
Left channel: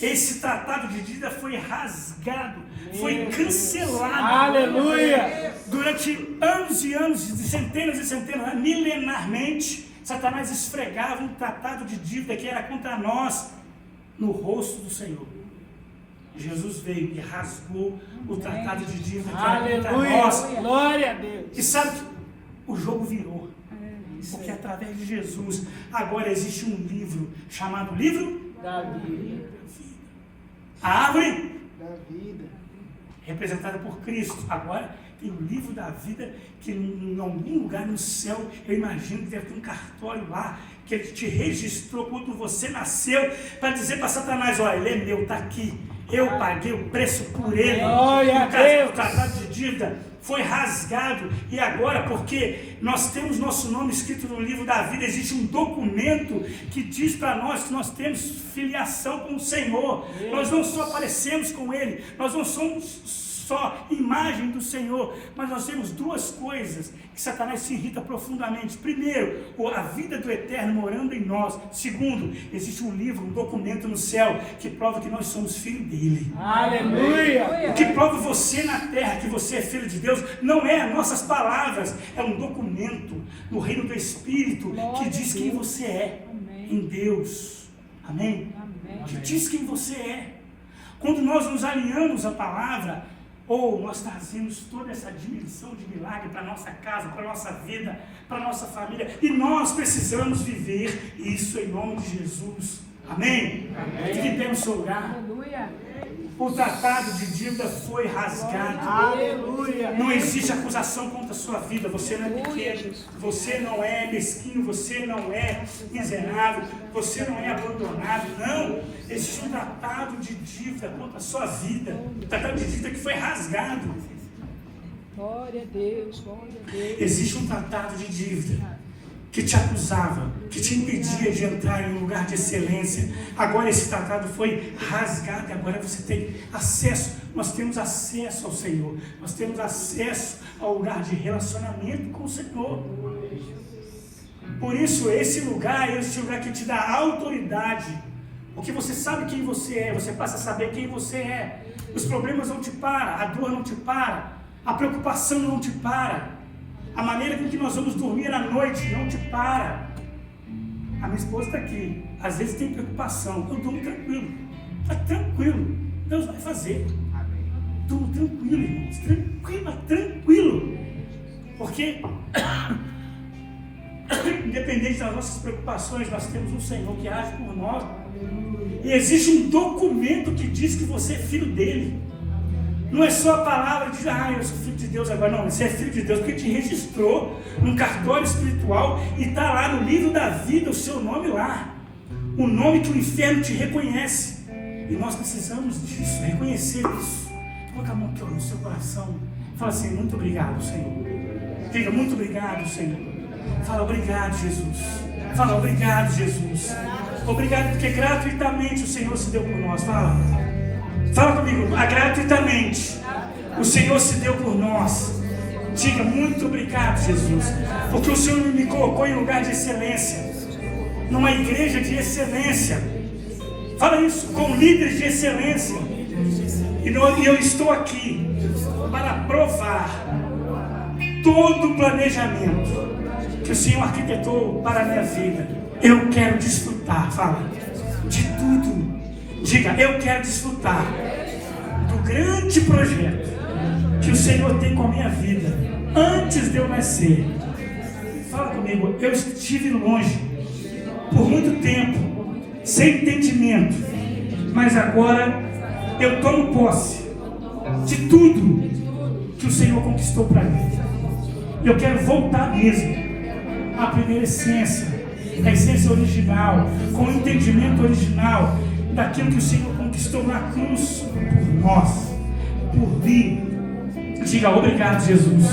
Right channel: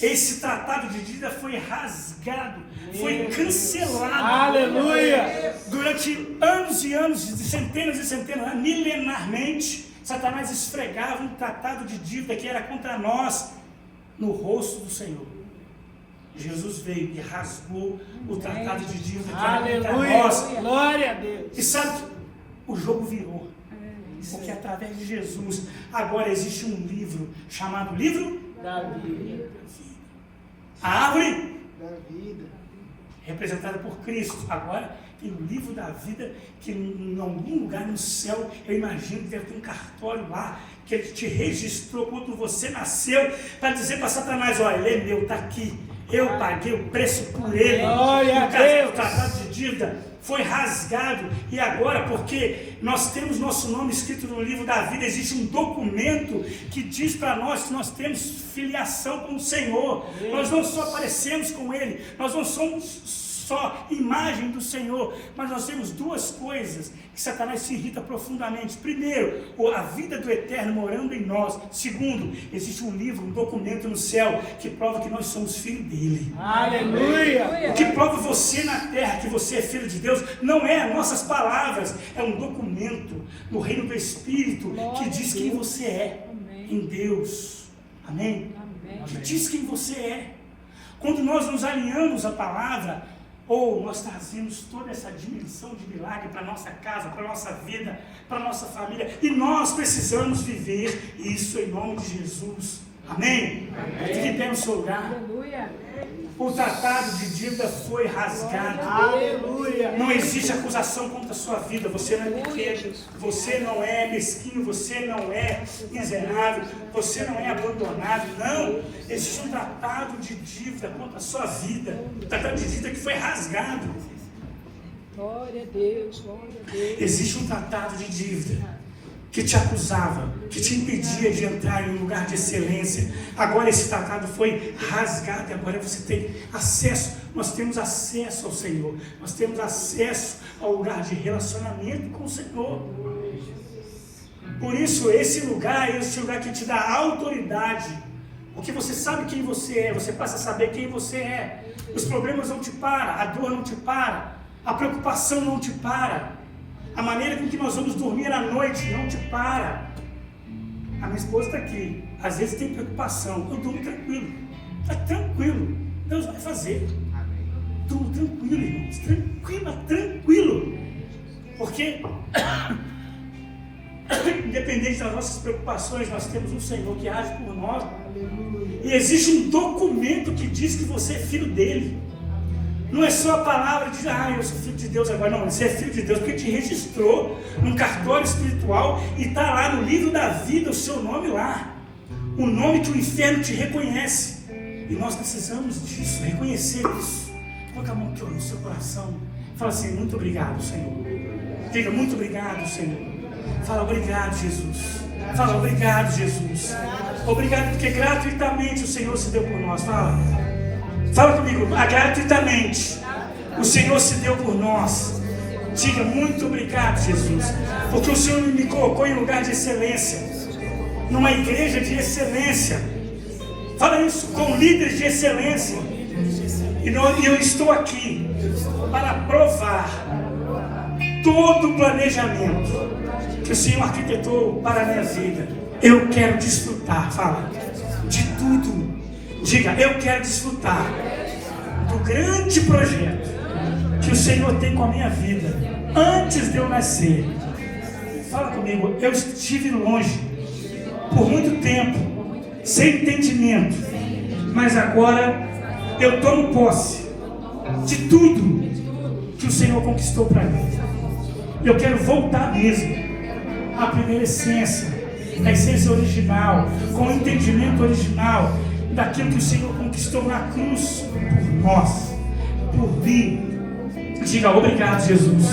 Esse tratado de dívida foi rasgado, foi cancelado. Aleluia! Durante anos e anos, centenas e centenas, milenarmente, Satanás esfregava um tratado de dívida que era contra nós no rosto do Senhor. Jesus veio e rasgou o tratado de dívida que era contra nós. Glória a Deus! E sabe, o jogo virou. Porque através de Jesus, agora existe um livro chamado Livro Da Vida. A árvore Da vida. representada por Cristo. Agora tem o livro da vida, que em algum lugar no céu, eu imagino que deve ter um cartório lá, que ele te registrou quando você nasceu, para dizer para Satanás, olha, ele é meu, está aqui. Eu paguei o preço por ele. Glória a Deus. O tratado de dívida foi rasgado. E agora, porque nós temos nosso nome escrito no livro da vida, existe um documento que diz para nós que nós temos filiação com o Senhor. Nós não só aparecemos com Ele, nós não somos só imagem do Senhor, mas nós temos duas coisas que Satanás se irrita profundamente. Primeiro, a vida do Eterno morando em nós. Segundo, existe um livro, um documento no céu que prova que nós somos filhos dele. Aleluia. O que prova você na terra que você é filho de Deus não é as nossas palavras, é um documento no reino do Espírito que diz quem você é em Deus. Amém? Que diz quem você é. Quando nós nos alinhamos à palavra, ou nós trazemos toda essa dimensão de milagre para a nossa casa, para a nossa vida, para a nossa família, e nós precisamos viver isso em nome de Jesus. Amém? Fique em pé no seu lugar. O tratado de dívida foi rasgado. Aleluia. Não existe acusação contra a sua vida. Você não é pequeno, você não é mesquinho, você não é miserável, você não é abandonado. Não, existe um tratado de dívida contra a sua vida. O tratado de dívida que foi rasgado. Glória a Deus, glória a Deus. Existe um tratado de dívida que te acusava, que te impedia de entrar em um lugar de excelência. Agora esse tratado foi rasgado e agora você tem acesso. Nós temos acesso ao Senhor. Nós temos acesso ao lugar de relacionamento com o Senhor. Por isso, esse lugar é esse lugar que te dá autoridade. Porque você sabe quem você é, você passa a saber quem você é. Os problemas não te param, a dor não te para, a preocupação não te para. A maneira com que nós vamos dormir à noite não te para. A minha esposa está aqui. Às vezes tem preocupação. Eu durmo tranquilo. Está tranquilo. Deus vai fazer. Durmo tranquilo, irmãos. Tranquilo. Porque, independente das nossas preocupações, nós temos um Senhor que age por nós. E existe um documento que diz que você é filho dele. Não é só a palavra de eu sou filho de Deus agora. Não, você é filho de Deus porque te registrou num cartório espiritual e está lá no livro da vida o seu nome lá. O nome que o inferno te reconhece. E nós precisamos disso, reconhecer isso. Coloca a mão aqui no seu coração. Fala assim, muito obrigado, Senhor. Diga, muito obrigado, Senhor. Fala, obrigado, Jesus. Fala, obrigado, Jesus. Obrigado porque gratuitamente o Senhor se deu por nós. Fala comigo, gratuitamente o Senhor se deu por nós. Diga, muito obrigado, Jesus, porque o Senhor me colocou em lugar de excelência, numa igreja de excelência. Fala isso, com líderes de excelência. E eu estou aqui para provar todo o planejamento que o Senhor arquitetou para a minha vida. Eu quero desfrutar, fala, de tudo. Diga, eu quero desfrutar do grande projeto que o Senhor tem com a minha vida, antes de eu nascer. Fala comigo, eu estive longe, por muito tempo, sem entendimento, mas agora eu tomo posse de tudo que o Senhor conquistou para mim. Eu quero voltar mesmo à primeira essência, a essência original, com o entendimento original, daquilo que o Senhor conquistou na cruz por nós, por mim. Diga obrigado, Jesus.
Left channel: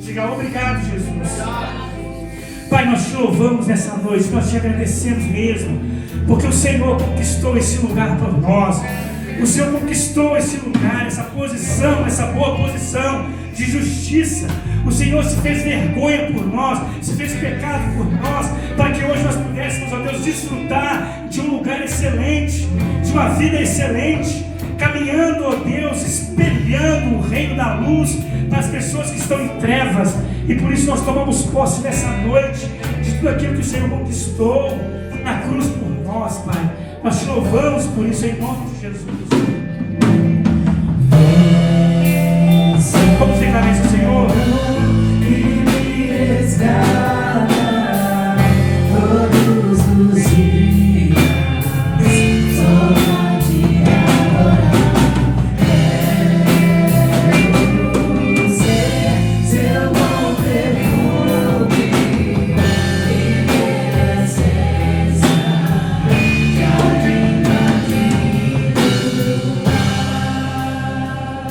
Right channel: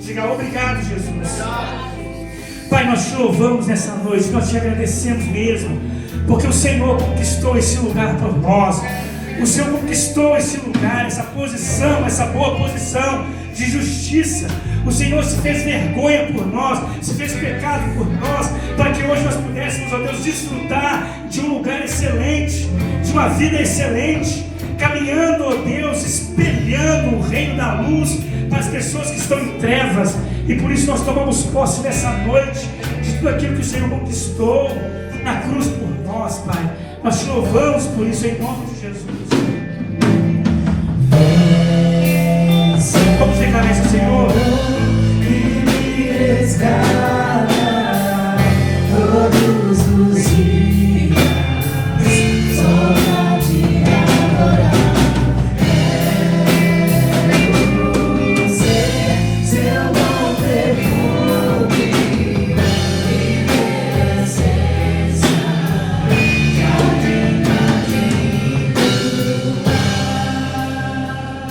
Diga obrigado, Jesus. Pai, nós te louvamos nessa noite, nós te agradecemos mesmo, porque o Senhor conquistou esse lugar para nós. O Senhor conquistou esse lugar, essa posição, essa boa posição de justiça. O Senhor se fez vergonha por nós, se fez pecado por nós, para que hoje nós pudéssemos, ó Deus, desfrutar de um lugar excelente, de uma vida excelente, caminhando, ó Deus, espelhando o reino da luz para as pessoas que estão em trevas. E por isso nós tomamos posse nessa noite de tudo aquilo que o Senhor conquistou na cruz por nós, Pai. Nós te louvamos por isso em nome de Jesus.